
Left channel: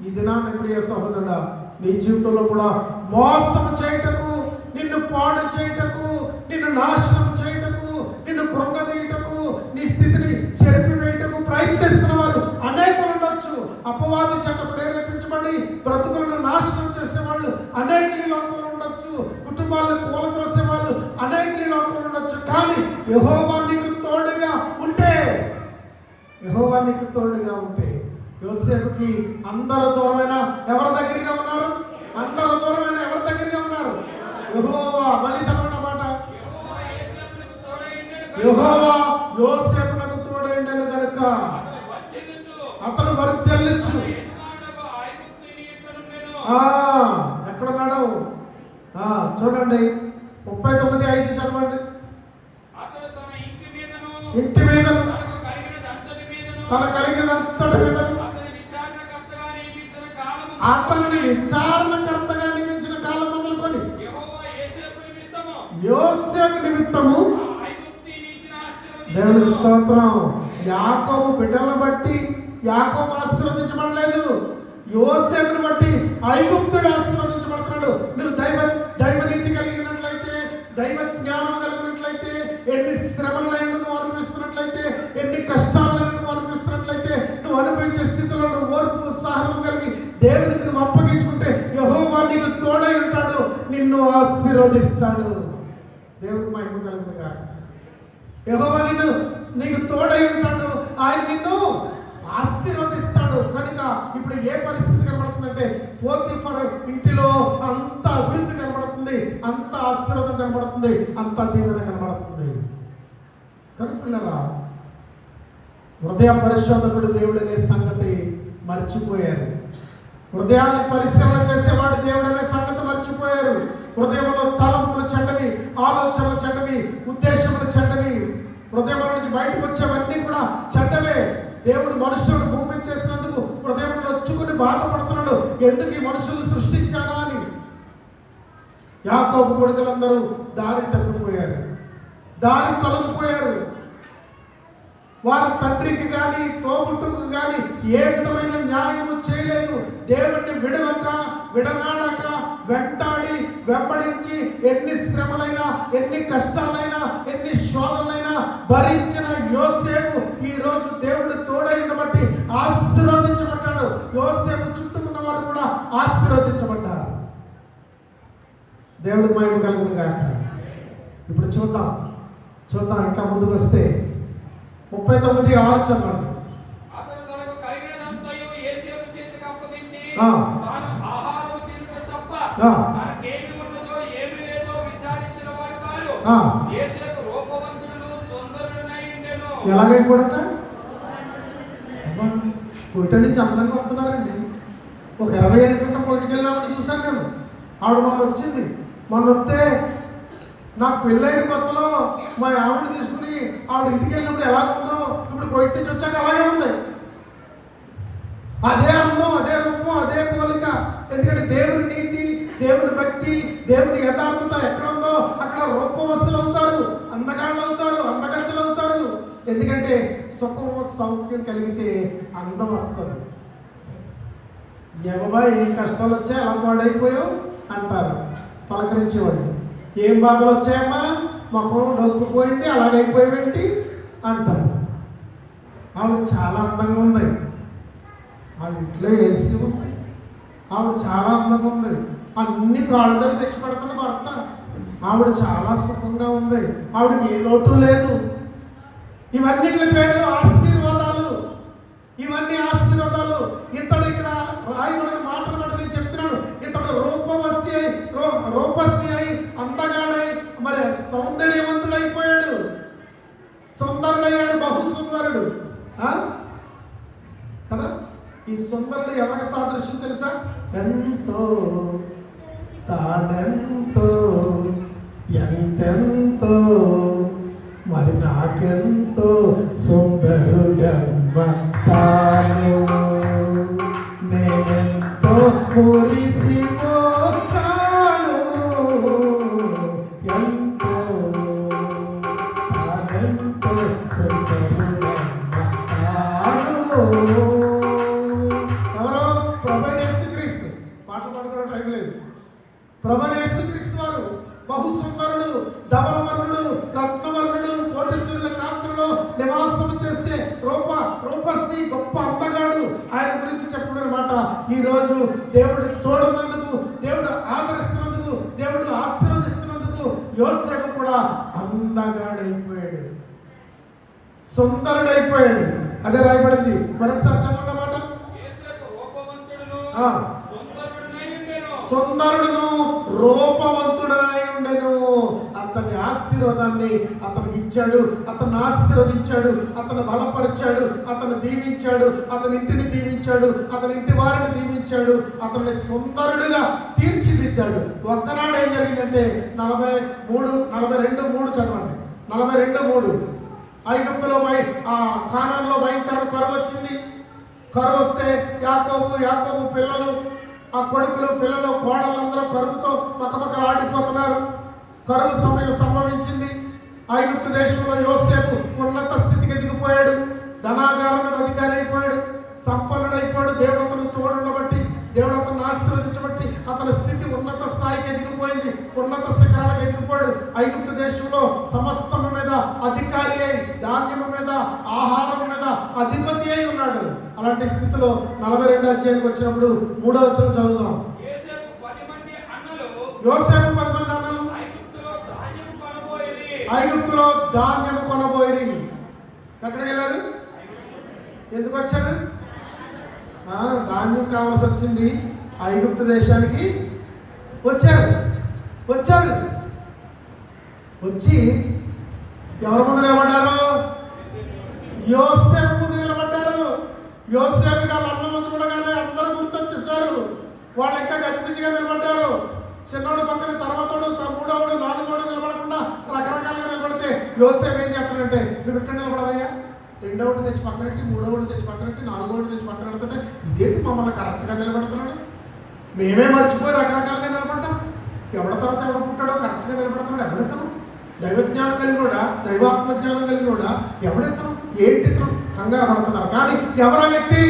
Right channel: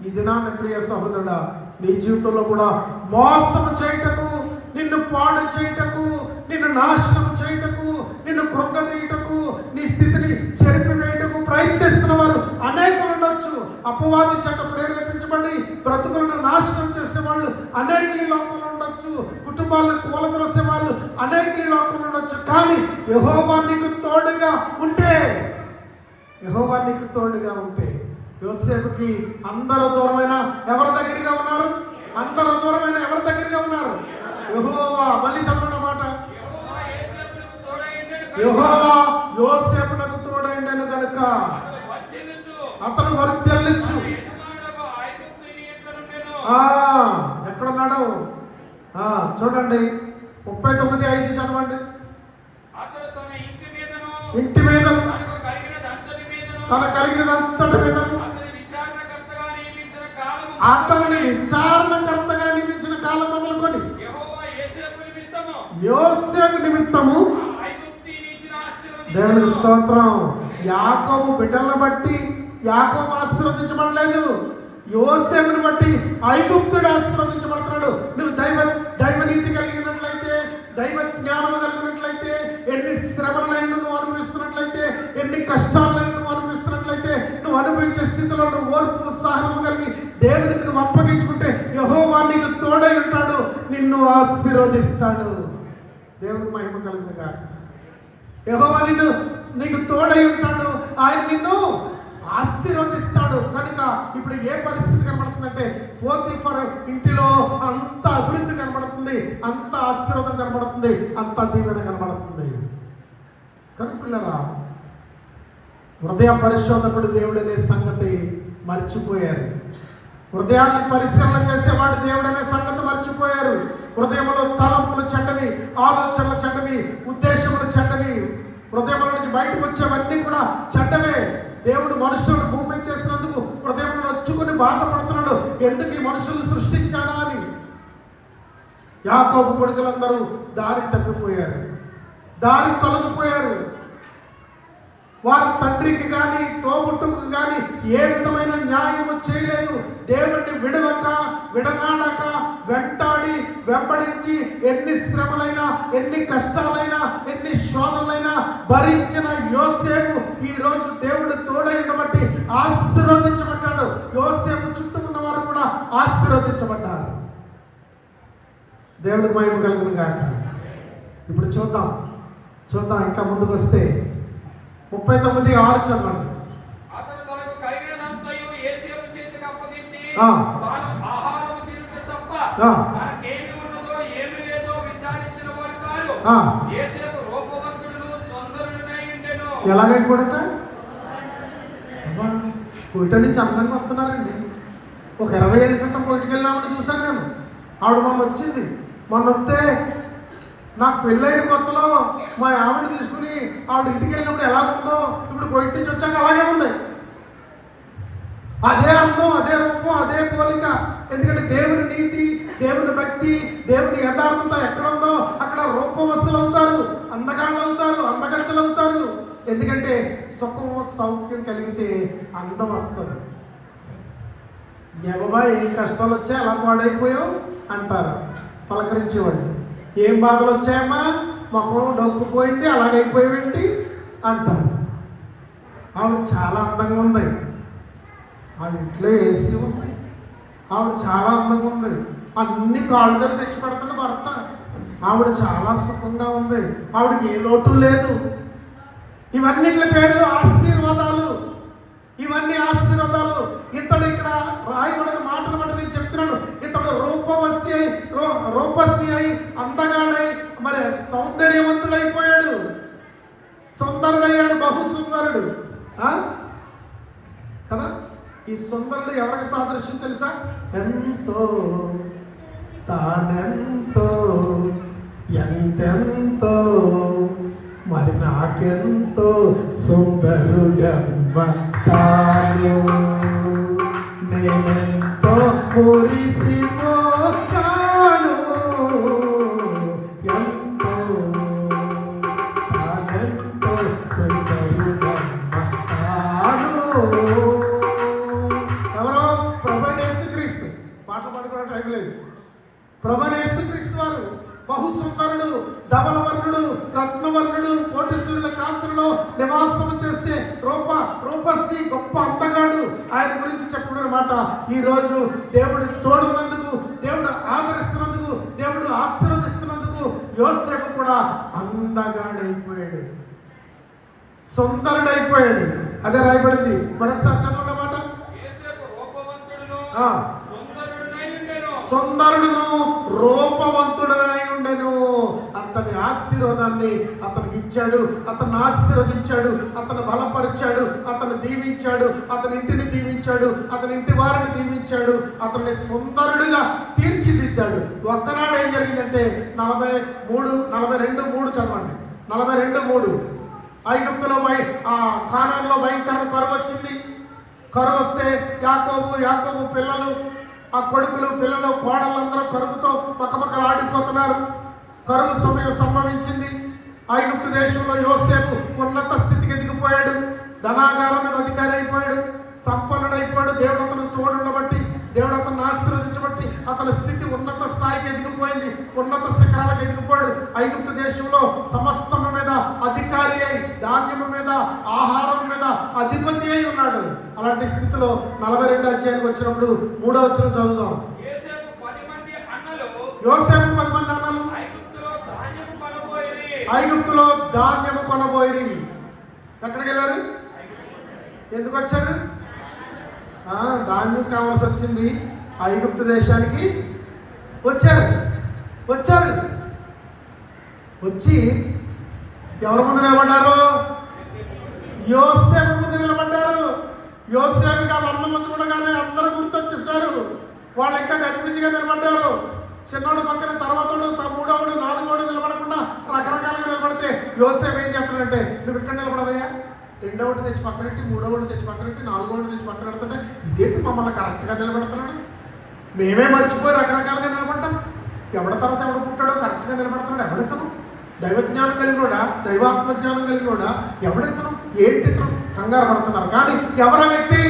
ఈ దినాన్ని ప్రియ సహోదరుడా, నీ జీవితంలో కూడా మోసం చేయటకు, నిన్ను పాడు చేయటకు, నిన్ను నాశనం చేయటకు, నిన్ను కృంగదీయటకు, నీ స్థితిని చెరిపివేయటకు ప్రయత్నిస్తున్న వారు అనేకులు ఉండొచ్చు. అపవాది చేత ప్రేరేపించబడి బ్రతుకులను నాశనం చేసేవాళ్ళు అనేకులు ఈ లోకంలో ఉండొచ్చు. కుటుంబాలను కూలద్రోసే వాళ్ళు అనేకులు ఈ లోకంలో ఉండొచ్చు. కానీ యెహోవా నీకు తోడుగా ఉంటే, యెహోవా నీకు తోడుగా ఉంటే, యోసేపుకి అందరూ దూరమైన ఎవరి దగ్గరగా ఉన్నారు? అందరూ దూరమైన ఎవరి దగ్గరగా ఉన్నారు? యెహోవా. మళ్ళీ చదవండి మాట. యెహోవా యోసేపునకు తోడైండెను గనుక అతను వర్ధిల్లుచు. ఎక్కడున్నాడు? చూడండి 39:5 చదవండి. ఇంటి మీద తన కలిగినదంతటి మీద అతనిని విచారణకర్తగా నియమించిన కాలం మొదలుకొని యోసేపు నిమిత్తము దేవుని స్తోత్రం. యాకోబు బిడ్డలను బట్టి యాకోబు ఆశీర్వదించబడలేదు, యోసేపుని బట్టి ఐగుప్తుడు ఆశీర్వదించబడుతున్నాడు. నువ్వు దైవనీతి కలిగినట్లయితే, దైవ జ్ఞానం కలిగినట్లయితే, ఎన్ని శ్రమలైన నువ్వు అనుభవిస్తున్నట్లయితే, ఎన్ని కష్టాలను నువ్వు అనుభవిస్తున్నట్లయితే, నువ్వు అనుభవించే స్థితిలో నువ్వు ఓర్పు సహనం కలిగి దేవునికి నువ్వు అప్పగించుకుంటే యెహోవా నీకు తోడై ఉంటాడు, నిన్ను ఆశీర్వదిస్తాడు. దేవునికి మహిమ కలిగిన గాక. యెహోవా నీకు తోడై ఉంటాడు, ఆయన నిన్ను ఆశీర్వదిస్తాడు. కనుక ఇప్పుడు ఏ పరిస్థితి కనబడుతుందంటే, పోతీఫర్ ఇంటిలో అంత అభివృద్ధి కనబడుతుంది, అంత ఆశీర్వాదం కనబడుతుంది, అంత దీవెన కనబడుతుంది. కనుక పిల్లరా, హృదయ పరిశోధకుడు దేవుడనే సంగతి మర్చిపోయారు. హృదయాన్ని పరిశీలన చేసేవాడు దేవుడనే సంగతి మర్చిపోయారు. హృదయంలో తలంపులు చెడ్డవి, ఆలోచనలు చెడ్డవి, ఉద్దేశములు చెడ్డవి, హృదయం నుంచి బయటకు వచ్చేవన్నీ కూడా చెడ్డవే. దేవుడు మనుషులను భూమి చేసినందుకు హృదయంలో వచ్చుకుని బాధపడుతున్నాడు, ఎందుకు ఈ మనుషులను సృష్టించానా అని. యాకోబు కొడుకులందరూ దారి తప్పిపోయారు, దారి తొలగిపోయారు. వారి తండ్రికి కానీ తోబుట్టుకు కానీ ఏ విధమైన న్యాయము చేయలేదు. దేవుడిని విడవక విడనాడక వెంటాడి వెంబడించి ఎన్ని శ్రమలైనా, ఎన్ని కష్టాలైనా, ఎన్ని శోధనలైనా భరించిన యోసేపు ఈ రోజు దేవుడు తోడైన బట్టి ఆశీర్వదించబడ్డాడు. యోసేపు చుట్టూ ఉన్న వారు కూడా ఆశీర్వదించబడ్డారు. దేవుడికి మహిమ కలుగును గాక. ఇప్పుడు చూద్దాం ఇంకా ముందుకు వస్తే 39:6 చదవండి. అతడు తనకు కలిగినదంతయు యోసేపు చేతికి అప్పగించి ఆహారము తినుట తప్ప తనకేమి ఉన్నదో ఏమి లేదో విచారించిన వాడు కాడు. యోసేపు రూపవంతుడు సుందరుడై ఉండెను. ఎలాగైపోడట? కోట నుంచి అందంగా వస్తున్నారండి. ఒక 20 ఏళ్ళ క్రితం కోటికి వెళ్ళినామని చూసాను నేను. ఆవిడ మొన్న వస్తే నాకు పెళ్ళైన కొత్తలో మా ఆవిడ తీసుకుని ఆవిడ ఇంటికి వెళ్ళినప్పుడు ఎలా ఉందో ఇప్పుడు బయట నుంచి వచ్చాక అలాగే ఉంది. అదే అందం, అదే రూపం, అదే పోలిక. ఎందుకంటే దేవుని నీతి, దేవుని భక్తి, దేవుని యథార్థత ఎక్కడ ఉందో అక్కడ రూపవస్తులు అవుతారు, అందగాళ్ళు అవుతారు, అందగత్తెలు అవుతారు. ఎందుకంటే సుఖం సౌఖ్యం కలిగితే అందం వస్తుంది. ఎవబా ఏం కష్టాలు వచ్చాయి అలా పాడైపోయావు అంటారు పలకరించేవాళ్ళు. ఏం బాధలు వచ్చాయమ్మా, మొక్కలు డొక్కుపోయింది అలాగైపోయేంటి అంటారు. ఆవిడ చాలా అందంగా ఉంది, ఆవిడ ఇంట్లో ఏసీ ఉంది, ఆవిడ చాలా అందంగా ఉంది, అన్ని కాళ్ళు దగ్గర తెచ్చి పెడుతున్న భర్త, ఆవిడ చాలా సుఖంగా ఉంది, ఆవిడకి ఏ లోటు లేదు. ఇవన్నిటి పేర్లు ఆశీర్వాదాలు, ఇవన్నీ ఆశీర్వాదాలు. ఇతడు ఇక్కడ రాయబడిన మాటలు బట్టి నేను చెప్తున్నాను, ఇతడు రూపసి అయి అందగాడై మరి సౌందర్యవంతుడైపోయాడు, సుందరుడయ్యాడు, బహు సుందరుడు కదా. ఈ సుందరుడు ఎవరికి సాదృశ్యం తెలుసా? ఎంతో తానెంతో ఎంతెంతో మరి నాకెంతో సుందరుడమ్మ తాను, నేనెంతో మురిసిపోతాను, ఎంతో తానెంతో సుందరుడమ్మ తాను. ఎవరో ప్రభు యేసుక్రీస్తు పాట పాడుకున్న రత్నవర్ణుడు కోటీశ్వరుల కాంతులలో నివాసము చేసే రూపశ్రీ గొప్ప అందగాడు ఆయన గురించి చెప్పుడు అనమాట. ఈ రోజు దేవుడు తోడున్నందుకు, దేవుడు ఆదరిస్తున్నందుకు, దేవుడు ఆశీర్వదిస్తున్నందుకు యోసేపు కూడా అందగాడైపోయాడు, సుందరుడైపోయాడు. అదే రాయబడింది. మరొకసారి చదవండి మాట. సుందరుడును రూపవంతుడనై ఉండెను. అతని ఆశీర్వాదాన్ని అతనికి ఇచ్చాడు, అతన్ని ఆశీర్వదించాడు, అతను బలపరిచాడు, అతను దీవించాడు, అతని ఇంటిని దీవించాడు, అతని ఇంటి వారిని దీవించాడు, అతన్ని సుందరుడిగా తీర్చిదిద్దాడు. ఒక్కనాడు ఏం జరిగిందంటే 42:3 చదవండి. 42:3 ఐగుప్తులో కానాన్లో భయంకర కరువు వచ్చింది. కరువు వస్తే యాకోబు పిల్లలు, ఆ కొడుకులు, పిల్లలు, కోడళ్ళందరూ కరువుతో పక్కపక్కలాడిపోతున్నారు. కరువు సమయం సంభవించింది. ఐగుప్తు దేశంలో యోసేపు ఉన్నత స్థితికి ఎదిగిపోయాడు, ధనాగారం మీద అధికారి అయిపోయాడు, సంపన్నుడైపోయాడు. దేవుడు అతను తోడుండబట్టి, దేవుడు అతను ఆశీర్వదించబట్టి అతని స్థితి ఉన్నత స్థాయికి ఎదిగిపోయింది, ఉన్నత శిఖరాలకు ఎదిగిపోయాడు. ఐగుప్తు దేశంలో సమస్తము మీద అధికారి అయి, ధాన్యము మీద, ఆహారం మీద అధిపతి అయి ఉన్నాడు. అలాంటి స్థితిలో 42వ అధ్యాయానికి వచ్చినప్పుడు 3వ వచనం చదువుదాం. యోసేపు 10 మంది అన్నలు ఐగుప్తులో ధాన్యము కొనబోయి. ఎక్కడికి వెళ్ళారు? ఎందుకు వచ్చారు? ధాన్యం కావాల్సి వచ్చింది. ఐగుప్తు దేశానికి వచ్చారు. వచ్చి ఎవరి ముందు నిలబడ్డారు? యోసేపు ముందు నిలబడ్డారు. యోసేపు గారు అన్నం చూడగానే అందరూ గుర్తొచ్చేసారు. వాళ్ళు ఇంకా గజిబిజిగా నిలబడ్డారు. చిన్నోడు పక్కన, తర్వాతోడు, మూడోడు, నాలుగోడు నిలబడకుండా రకరకాలుగా నిలబడితే యోసేపు ఏం చేస్తాడంటే, నువ్వు ఇక్కడ నిలబడవయ్యా, రెండోడు తెచ్చి పక్కనెట్టి, మూడోడు తెచ్చి పక్కనెట్టి, నాలుగోడు తెచ్చి పక్కన పెడుతుంటే ఇదేంటి మమ్మల్ని కరెక్ట్గా నిలబెడుతున్నాడు, మేమే మర్చిపోయి రకరకాలుగా నిలబడ్డాం, ఎవడ తర్వాత ఎవడ పుట్టాడో కరెక్ట్గా నిలబడుతున్నాడు, ఎవడెత్తను? దైవజ్ఞానం కలిగినోడా, దైవాత్మజ్ఞానం కలిగినోడా, ఎవడెత్తను, ఏంటి ఇతను కంగారు పడుతున్నారు. కానీ ఎవరా వ్యక్తి?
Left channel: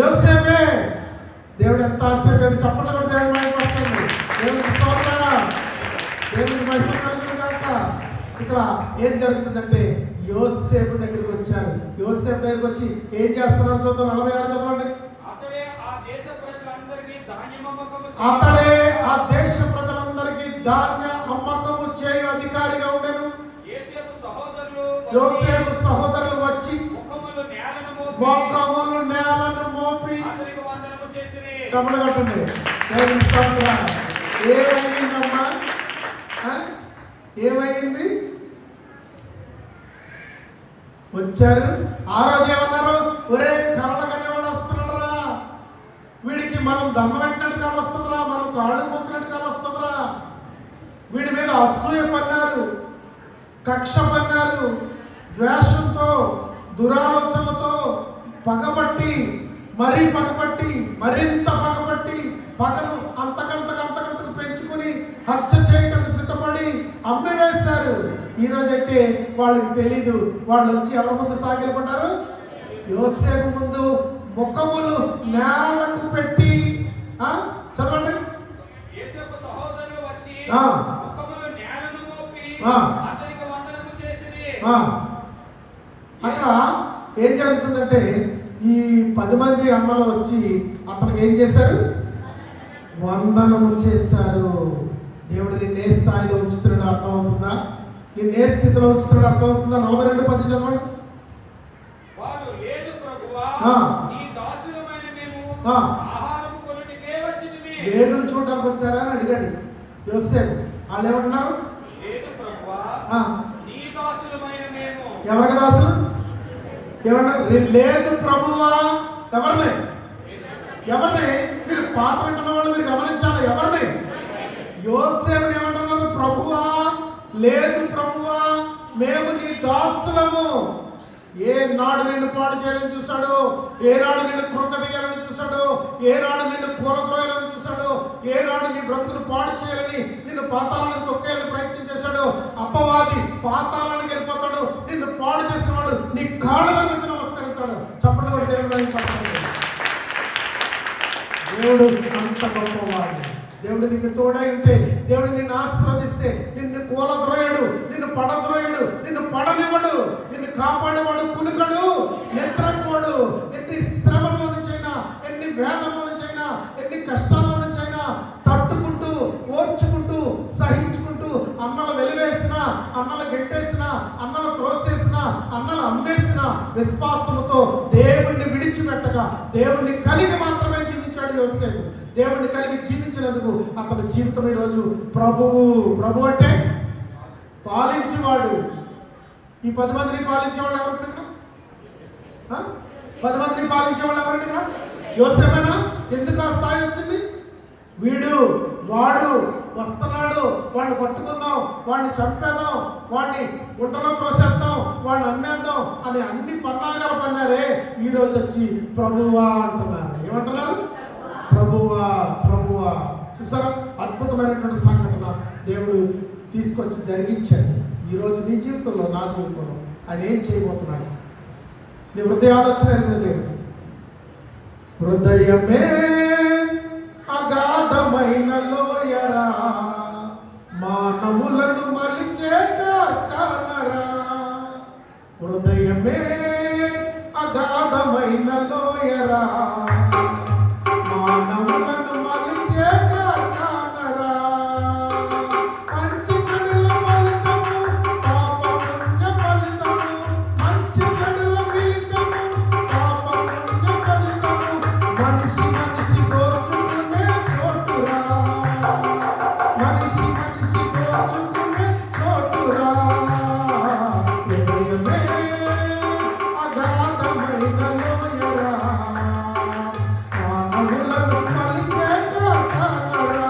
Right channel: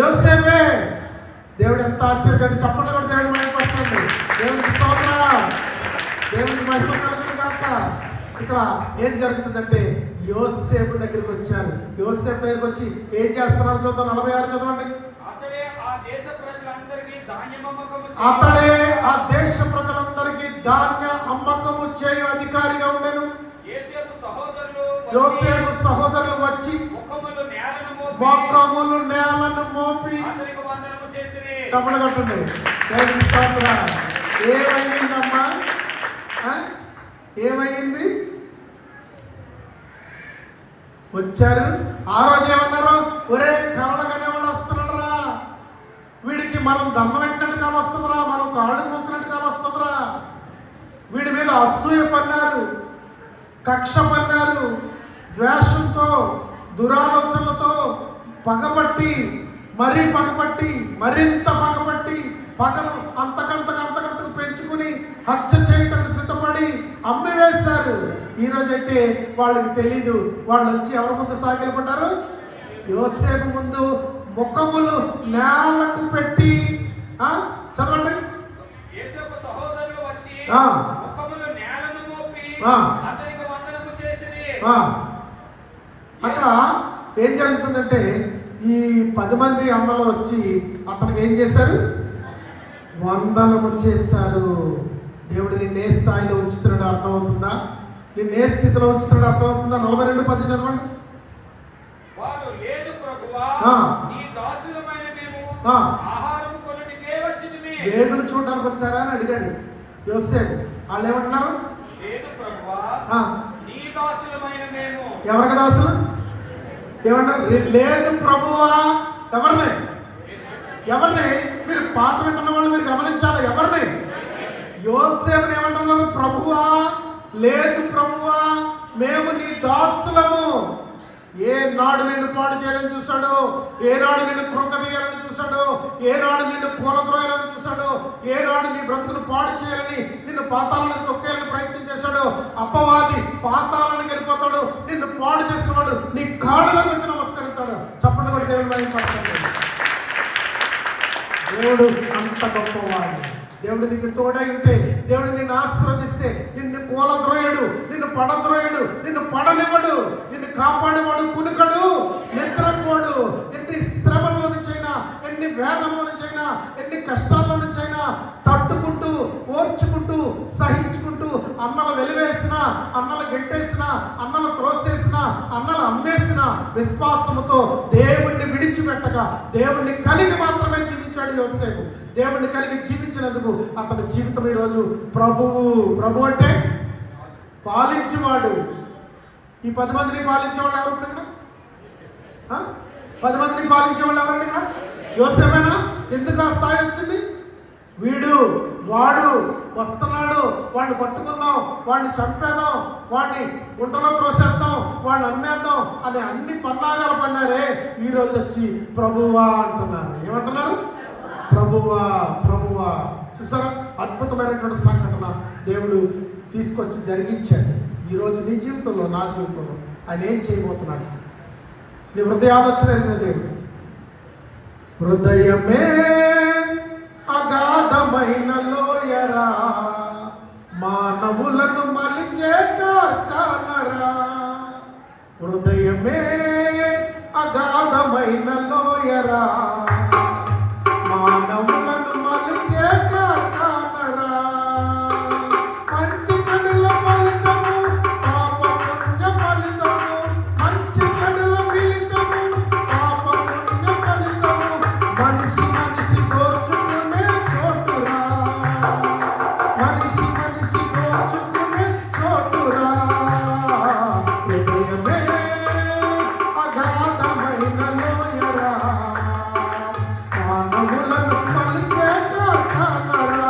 యోసేపే. దేవుడు ఎంత ఆశ్చర్యపడి చెప్పండి కూడా దేవుడు మహిమపరచండి. దేవునికి స్తోత్రాలు, దేవునికి మహిమ కలుగును గాక. ఇక్కడ ఏం జరుగుతుందంటే యోసేపు దగ్గరికి వచ్చారు. యోసేపు దగ్గరికి వచ్చి ఏం చేస్తున్నారు చూద్దాం. 46 చదవండి. అతడే ఆ దేశ ప్రజలందరికీ ధాన్య అమ్మకము చేయు అధికారిగా ఉండెను. యోసేపు సహోదరులు వచ్చి మోకములు నేలను మోపి చమట కట్టండి. ఏమైందమ్మా? ఏమైంది? వచ్చారు. ఆ రోజు ఏమన్నారు? ఒరే కరడగానే వాడు వస్తున్నాడు రా, వీడికి మనం దమ్మ పెట్టినట్టు కాలు వస్తుందిరా, మనం కాళ్ళు మొక్కినట్టు కాలు వస్తుందిరా. వీడి మీద అసూయ పన్నారు, కక్ష పన్నారు, ద్వేషంతో, దురాలోచనలతో పగబట్టి, మరింత పగబట్టి పగను అంతకంతకు పెంచుకుని హత్య చేయటం సిద్ధపడి అమ్మివేశారు. ఈరోజైతే వాళ్ళకి తెలీదు. వాళ్ళు వచ్చి ఎవరి ముందు సాగిలపడ్డారు? యోసేపు ముందు ముఖములు నేలకు పెట్టి చదవండి. అక్కడ ఏం జరుగుతుందంటే ఈ 10 మంది అమ్మలు వచ్చి అతనికి ఏం చేశారు? వందనము చేశారు. దేవుడు నిన్ను ఏ స్థాయిలో ఉంచుతున్నాడు అర్థమవుతుందా? నిన్ను ఏ స్థితిలో ఉంచుతున్నాడు అర్థమవుతుందా? 42:10 చదవండి. వేగులు చూడడానికి వచ్చారా అని అడిగాడు యోసేపు. వాళ్ళు ఏమంటున్నారు? ఎవరికి దాసులు? ఏమన్నారు? లేదు ప్రభువా. ఎవరిని? మీరు పాట వింటున్న వాళ్ళు మీరు గమనించాలి. ఎవరిని? యోసేపుని ఏమంటున్నారు? ప్రభువా, లేదు ప్రభువా, మేము నీ దాసులము. ఏ నాడు నిన్ను పాడు చేయాలని చూశాడు, ఏ నాడు నిన్ను కృంగదీయాలని చూశాడు, ఏ నాడు నిన్ను కూలద్రోయాలని చూశాడు, ఏ నాడు నీ బ్రతుకును పాడు చేయాలని, నిన్ను పాతాలను తొక్కేయాలని ప్రయత్నం చేశాడు. అపవాది పాతాలను వెళ్ళిపోతాడు. నిన్ను పాడు చేసిన వాడు నీ కాళ్ళలో నుంచి నమస్కరిస్తాడు. చప్పట్లు కూడా దేవుడు అంత గొప్పవాడు. దేవుడు నీకు తోడై ఉంటే, దేవుడు నిన్ను ఆశీర్వదిస్తే, నిన్ను కూలద్రోయడు, నిన్ను పడద్రోయుడు, నిన్ను పడనివ్వడు, నిన్ను కాపాడేవాడు కునుకడు, నిద్రపోడు. ఎన్ని శ్రమల నుంచైనా, ఎన్ని వేదనల నుంచైనా, ఎన్ని కష్టాల నుంచైనా తట్టుకుంటూ, ఓర్చుకుంటూ, సహించుకుంటూ, అన్నలు వెలివేసిన, అన్నలు గెట్టేసిన, అన్నలు త్రోసేసిన, అన్నలు అమ్మేసిన విశ్వాసముతో దేవుణ్ణి విడిచిపెట్టగా దేవుణ్ణి కలిగి మాత్రమే జీవించాడు యోసేపు. దేవుణ్ణి కలిగి జీవించినందుకు అతని జీవితం ఈరోజు ప్రభు అంటే పాలించేవాడు. ఈ 10 మందిని పాలించేవాళ్ళు ఎవరు? 10 మందిని పాలించేవాళ్ళు ఎవరండి ఇక్కడ? యోసేపేనా? ఎందుకు ఆ స్థాయి వచ్చింది? వాడు వస్తున్నాడు, వాడిని పట్టుకుందాం, వాడిని చంపేద్దాం, వాడిని గుంటలో త్రోసేద్దాం, వాడిని అమ్మేద్దాం అని అన్ని పన్నాగాలు పన్నారే. ఈరోజు వచ్చి ప్రభువా అంటున్నారు. ఏమంటున్నారు? ప్రభువా, ప్రభువా. చూసారా, అద్భుతమైనటువంటి సంఘటన దేవుడు తీసుకొచ్చి జరిగించాడు. ఈరోజు నీ జీవితంలో, నా జీవితంలో ఆయన ఏం చేయబోతున్నాడు? నీ హృదయ ఆలోచన ఎరిగిన దేవుడు. హృదయమే అగాధమైన లోయరా, మానవులను మలిచే కార్ఖానరా. హృదయమే అగాధమైన లోయరా, మానవులను మలిచే కార్ఖానరా. మంచి చెడుల ఫలితము, పాప పుణ్య ఫలితము, మంచి చెడుల ఫలితము, పాప పుణ్య ఫలితము. మనిషి మనిషి దోచుకునే చోటురా, మనిషి మనిషి దోచుకునే చోటురా. హృదయమే అగాధమైన లోయరా, మానవులను మలిచే కార్ఖానరా,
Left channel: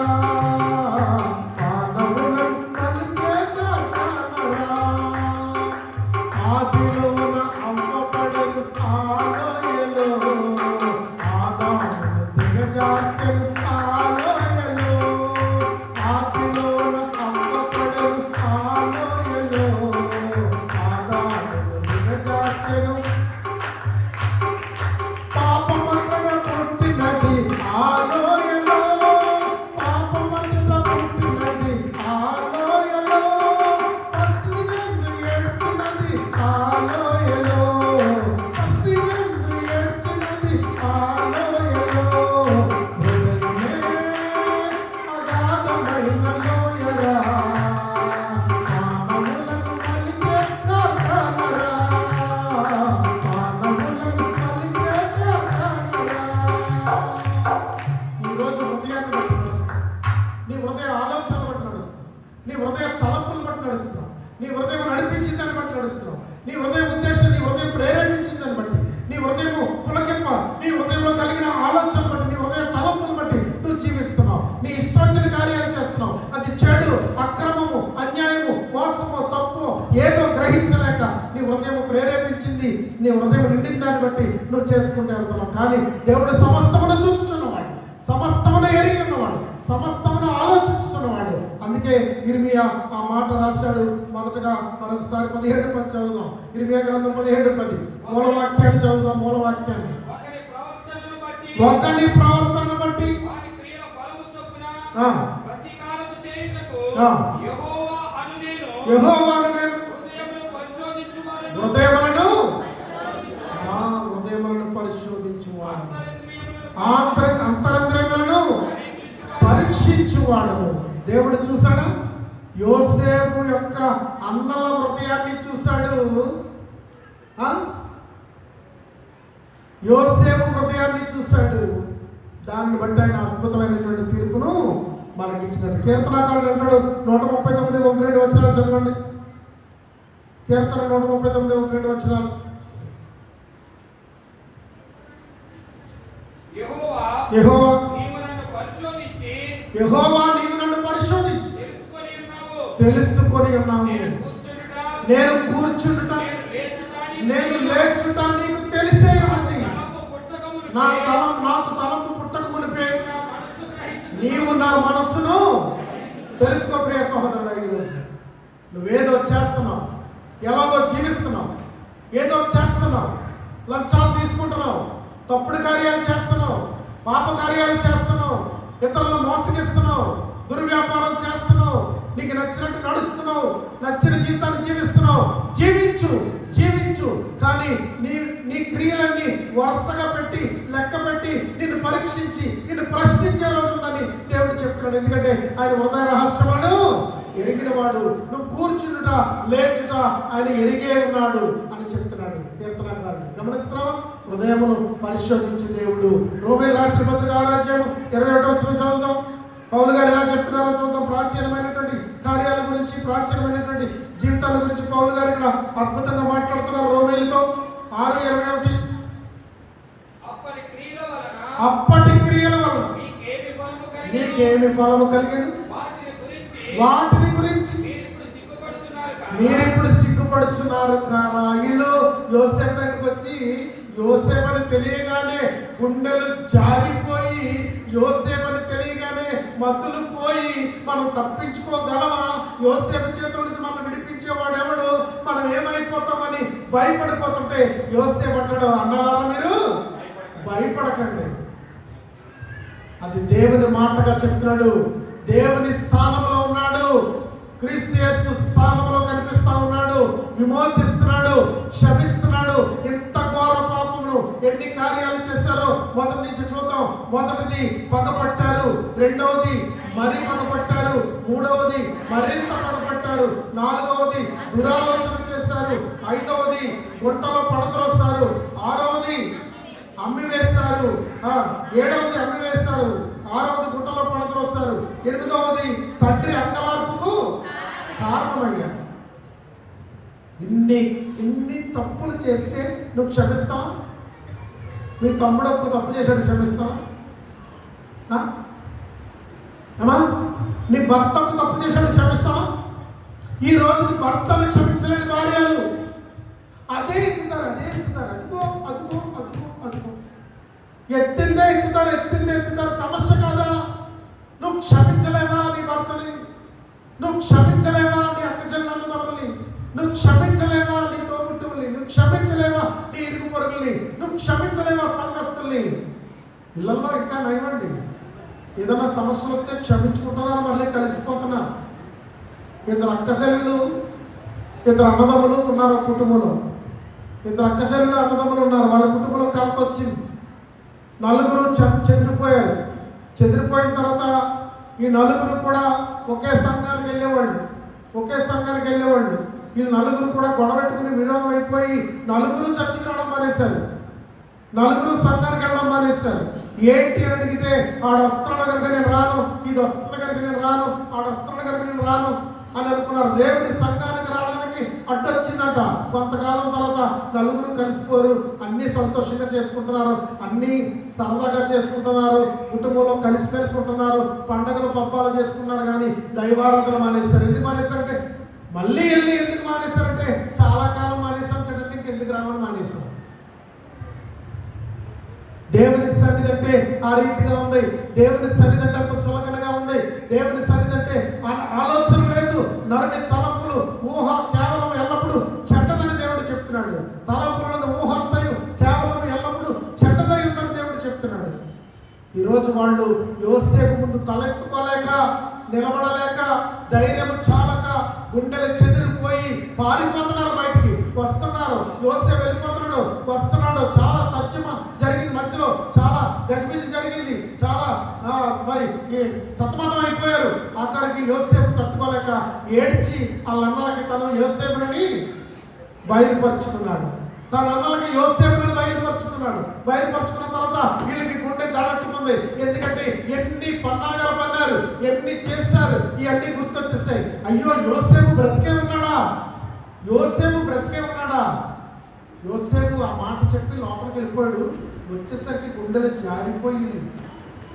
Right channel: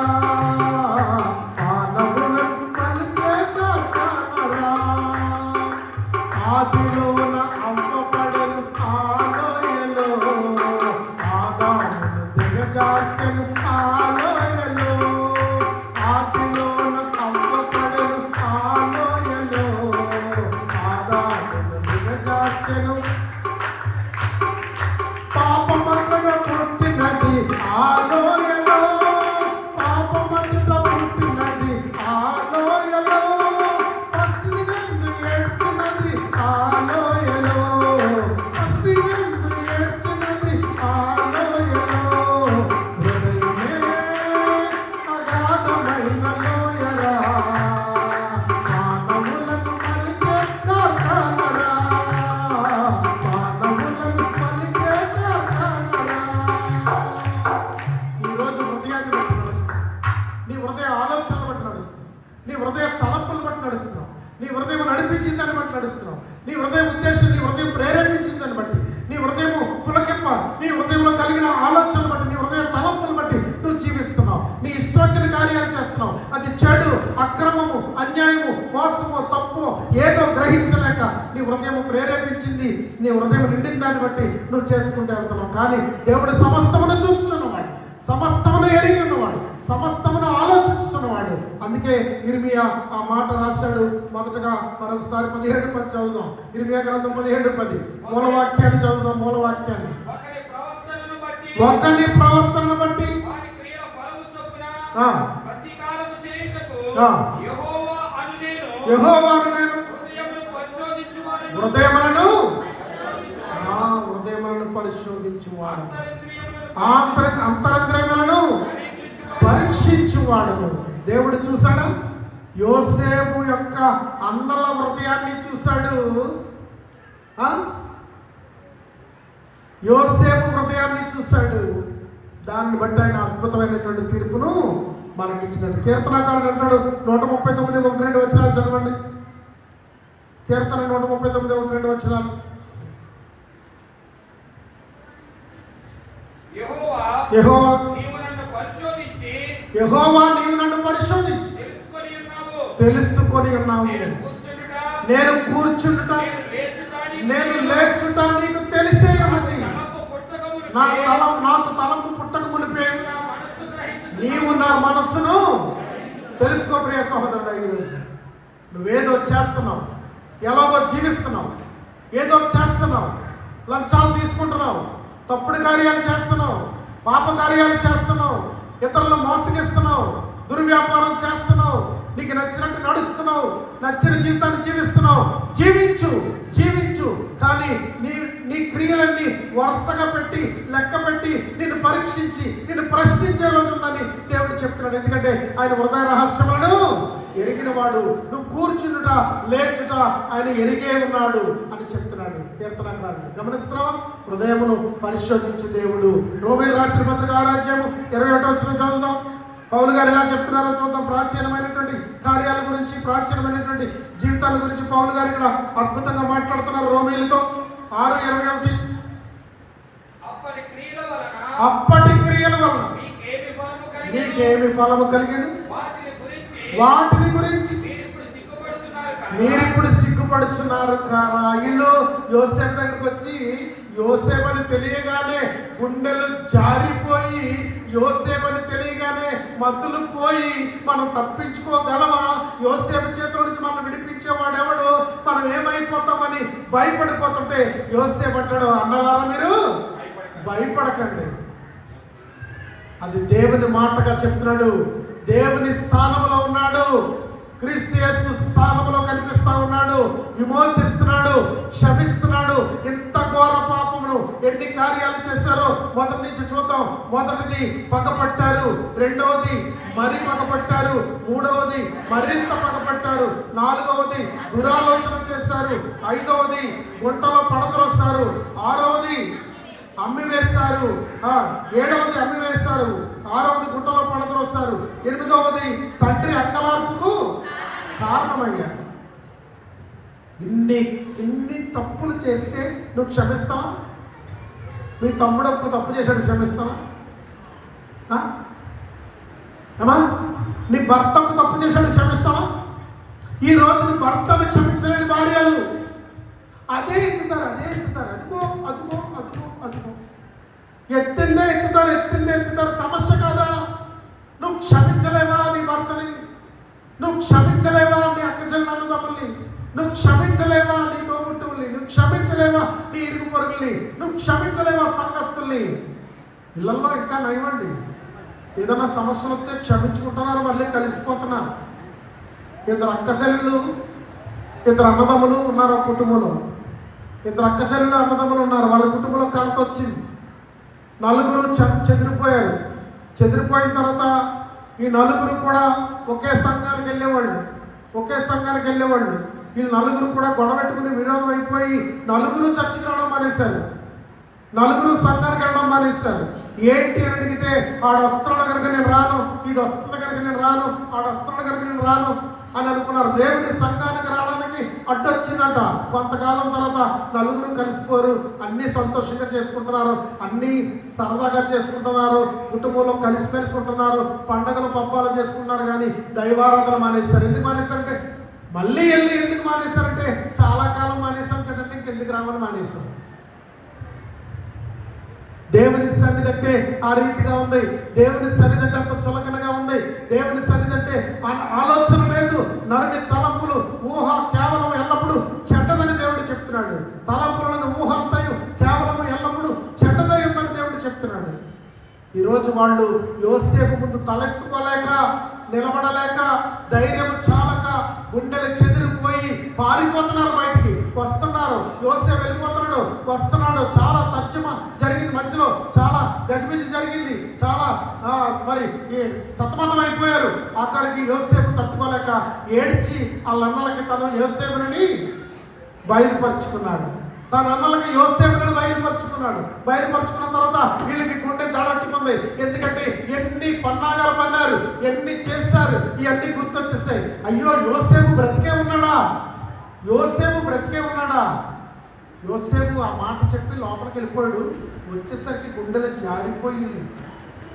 మానవులను మలిచే కార్ఖానరా. ఆదిలోన అమ్మపడెను ఆ లోయలో, ఆదామును దిగజార్చెను ఆ లోయలో. ఆదిలోన అమ్మపడెను ఆ లోయలో, ఆదామును దిగజార్చెను. పాపమక్కడ పుట్టినది ఆ లోయలో, పాపమక్కడ పుట్టినది ఆ లోయలో. పసిగందు ఏడ్చినది ఆ లోయలో, పసిగందు ఏడ్చినది ఆ లోయలో. హృదయమే అగాధమైన లోయరా, మానవులను మలిచే కార్ఖానరా, మానవులను మలిచే కార్ఖానరా. ఈరోజు హృదయాన్ని బట్టి నడుస్తుంది, నీ హృదయ ఆలోచన బట్టి నడుస్తుంది, నీ హృదయ తలంపులు బట్టి నడుస్తున్నావు, నీ హృదయం నడిపించిన దాన్ని బట్టి నడుస్తున్నావు, నీ హృదయ ఉద్దేశం, నీ హృదయం ప్రేరేపించిన దాన్ని బట్టి, నీ హృదయము పులకింప, నీ హృదయంలో కలిగిన ఆలోచన బట్టి, నీ హృదయ తలంపులు బట్టి నువ్వు జీవిస్తున్నావు. నీ ఇష్టొచ్చిన కార్యాలు చేస్తున్నావు. అది చెడు, అక్రమము, అన్యాయము, మోసము, తప్పు ఏదో గ్రహించలేక నీ హృదయం ప్రేరేపించింది, నీ హృదయం నిండిన దాన్ని బట్టి నువ్వు చేసుకుంటూ వెళ్తున్నావు. కానీ దేవుడు సమస్తమును చూస్తున్నవాడు, సమస్తమును ఎరిగి ఉన్నవాడు, సమస్తమును ఆలోచిస్తున్నవాడు. అందుకే ఇర్మియా ఆ మాట రాశాడు. మొదటగా మరొకసారి 17:10 చదువుదాం. ఇర్మియా గ్రంథం 17:10 మూలవాక్యాన్ని చదువుదాం. మూలవాక్యాన్ని. ఒకని ప్రవర్తనను బట్టి వాని క్రియల ఫలము చొప్పున ఆ, ప్రతీకారము చేయుటకు ఆ. యెహోవాను నేను యెహోవాను నేను హృదయమును పరిశోధించువాడను, హృదయములను హృదయములను పరిశోధించువాడు, అంతరంద్రియములను పరీక్షించువాడను. దేవుడు చూశాడు. యోసేపు యొక్క అన్నల హృదయాన్ని చూశాడు. యోసేపు హృదయాన్ని చూశాడు. దాన్ని బట్టి ఆయన అద్భుతమైనటువంటి తీర్పును మనకి ఇచ్చినాడు. కీర్తనకారుడు అంటాడు 139 1-2 వచనాలు చదవండి. కీర్తన 139 1-2 వచనాలు. యెహోవా నీవు నన్ను పరిశోధించి తెలుసుకొని ఉన్నావు. నేను కూర్చుంట, నేను లేచుట నీకు తెలిసే ఉన్నది. నాకు తలంపు పుట్టక మునిపే నీవు నా మనస్సును తెలుసుకో. ప్రియ సహోదరుడు, ఈరోజు నువ్వేదో చేస్తున్నావు, ఎలాగో జీవిస్తున్నావు, ఏదో చేస్తున్నావు, లంచాలు తీసుకుంటున్నావు, తప్పుడు కార్యాలు చేస్తున్నావు, పాప కార్యాలు చేస్తున్నావు, ఇతరులను మోసగిస్తున్నావు, దుర్వ్యాపారం చేస్తున్నావు, నీకు నచ్చినట్టు నడుస్తున్నావు, నచ్చిన జీవితాన్ని జీవిస్తున్నావు, జీవించు జీవించు. కానీ నీ నీ క్రియలన్నీ వరుసగా పెట్టి లెక్క పెట్టి నిన్ను పరీక్షించి నిన్ను ప్రశ్నించే రోజు ఉందని దేవుడు చెప్తున్నాడు. ఎందుకంటే ఆయన హృదయ రహస్యములను ఎరిగినవాడు, నువ్వు కూర్చుండుట లేచుట ఆయన ఎరిగే ఉన్నాడు అని చెప్తున్నాడు కీర్తనకారుడు. గమనిస్తున్నావా? హృదయమును పరిశోధించి దేవుడు. రోమీయులకు రాసిన పత్రిక 6వ అధ్యాయం 21వ వచనం చదువుదాం. పౌలు గారు ఎలా చెప్తున్నారో చూద్దాం. ప్రాచీనమైనటువంటి కార్యాల గురించి, ప్రాచీనమైనటువంటి జీవితాల గురించి పౌలు గారు ఇక్కడ అద్భుతంగా మాట్లాడుతున్నారు. రోమీయులతో 6:21. అప్పటి క్రియల వలన మీకేమి ఫలము కలిగింది? వాటిని గురించి మీరిప్పుడు సిగ్గుపడుచున్నారు కారా? ఇల్లు యోసేపు దగ్గరికి వచ్చి యోసేపు అని తెలియగానే గుండెలు జారిపోయి, యోసేపు అని తెలియగానే మత్తులు పోయి మనం తప్పించుకోగలమా? యోసేపు చేతుల నుంచి మనం విడిపించేవాడు ఎవడు? మనం ఏమైపోతామని భయపడిపోతుంటే యోసేపు అంటాడు, అన్నలారా మీరు భయపడకండి. అది దేవుని మాటగా చెప్తున్నాడు. దేవుని స్థానంలో ఉన్నాడు, క్రీస్తు యేసు స్థానంలో కనిపిస్తా ఉన్నాడు, విమోచిస్తున్నాడు, క్షమిస్తున్నాడు. ఇంత ఘోర పాపమును ఎన్ని కార్యాలు చేశారో మొదటి నుంచి చూద్దాం. మొదటిది పగపట్టారు, రెండవది మరి పగపట్టారు, మూడవది మరింత పగపట్టారు, నాలుగవది దురాలోచన చేశారు, ఐదవది గుంటలో పడద్రోస్తారు, ఆరవది అమ్మివేశారు, ఏడవది అమ్మివేశారు, ఆరవది గుంటలో పడద్రోస్తారు, ఎనిమిదవది తండ్రి అంగలార్పుకు కారణమయ్యారు. ఇన్ని తప్పులు చేస్తే నువ్వు క్షమిస్తావా? మీ తమ్ముడు ఒక తప్పు చేశాడు, క్షమిస్తావా? అమ్మా, నీ భర్త ఒక తప్పు చేశాడు, క్షమిస్తావా? ఈ రోజు నీ భర్తను క్షమించలేని భార్యలు అదే ఎక్కుతారు. అదిగో అదిగో అదిగో అదిగో ఎత్తిందే ఎక్కుతారు. సమస్య కాదా? నువ్వు క్షమించలేవా నీ భర్తని? నువ్వు క్షమించలేవా నీ అక్క చెల్లెలు తమ్ముల్ని? నువ్వు క్షమించలేవా నీ తోబుట్టువుల్ని? నువ్వు క్షమించలేవా నీ ఇరుగు పొరుగుల్ని? నువ్వు క్షమించలేవా సంఘస్థుల్ని? ఇళ్లలో ఇంకా నయమండి, ఏదైనా సమస్యలు వస్తే క్షమించుకుంటున్నారు, మళ్ళీ కలిసిపోతున్నారు. ఇద్దరు అక్క చెల్లెలు, ఇద్దరు అన్నదమ్ములు ఉన్నారు ఒక కుటుంబంలో. ఇద్దరు అక్క చెల్లెలు అన్నదమ్ములు ఉన్నారు, వాళ్ళ కుటుంబంలో కాల్త వచ్చింది. నలుగురు చెదిరిపోయారు. చెదిరిపోయిన తర్వాత ఈ నలుగురు కూడా ఒకే సంఘానికి వెళ్ళేవాళ్ళు. వీళ్ళు నలుగురు కూడా గొడవ పెట్టుకుని విరోధం అయిపోయి నలుగురు చర్చికి రావడం మానేశారు, నలుగురు సంఘానికి వెళ్ళడం మానేశారు. ఏంటి అని అడిగితే ఆడు వస్తున్నాడు కనుక నేను రాను, ఇది వస్తున్న కనుక నేను రాను, ఆడు వస్తున్నాడు కనుక నేను రాను అని అనుకున్నారు. దేవుని సంఘానికి రావడానికి అడ్డొచ్చిందంట. కొంతకాలం తర్వాత నలుగురు కలిసిపోరు, అన్ని సంతోషంగా చేసుకుంటున్నారు, అన్ని సరదాగా చేసుకుంటున్నారు, కుటుంబంలో కలిసి ఉంటున్నారు, పండగలు పబ్బాలు చేసుకున్నారు. కానీ దైవారాధన మానేశారు. ఎందుకు మానేశారంటే మళ్ళీ ఎందుకు మానేశారంటే చాలా కాలం మానేశాం కదండి, ఇంకెందుకు రామని మానేశాం. దేవుని సన్నిధి అంటే ఆ రీతిగా ఉంది. దేవుని సన్నిధి అంటే అంత చులకనగా ఉంది. దేవుని సన్నిధి అంటే ఆలోచన లేదు. నరుని తలంపులు ఊహ కేవలం ఎల్లప్పుడూ చెడ్డదని దేవుడు చెప్తున్నాడు. తలంపులను ఊహ అంతయు కేవలం ఎల్లప్పుడూ చెడ్డదై ఉందని దేవుడు చెప్తున్నాడు. ఈరోజు వాళ్ళు యోసేపు ముందు తలెత్తుకోలేక, నిలబడలేక, ధైర్యం చాలక, గుండెలు చెదిరిపోయి పారిపోతున్నారు, బయటికి వస్తున్నారు. యోసేపు వెళ్ళిపోతున్నాడు, వస్తున్నాడు. చాలా తర్జుమా జరిగింది, మధ్యలో చాలా గజిబిజి జరిగింది, చాలా మరి సతమతం అయిపోయారు. ఆఖరికి యోసేపు తట్టుకోలేక ఏడ్చి వాళ్ళ అన్నలకి తను యోసేపుని బయలుపరుచుకున్నాడు. తన అన్నలకి యోసేపుని బయలుపరుచుకున్న తర్వాత వీళ్ళకి గుండె దడట్టుకుంది. ఎందుకంటే ఎన్ని పన్నాగాలు పన్నారు, ఎన్ని చేశారు, ఇవన్నీ గుర్తొచ్చేసాయి. అయ్యో యోసేపు బ్రతికే ఉన్నాడా? యోసేపు ఆ మాట చెప్పి లోపలికి వెళ్ళిపోయాడు. వచ్చేసరికి గుండెలు జారిపోయి,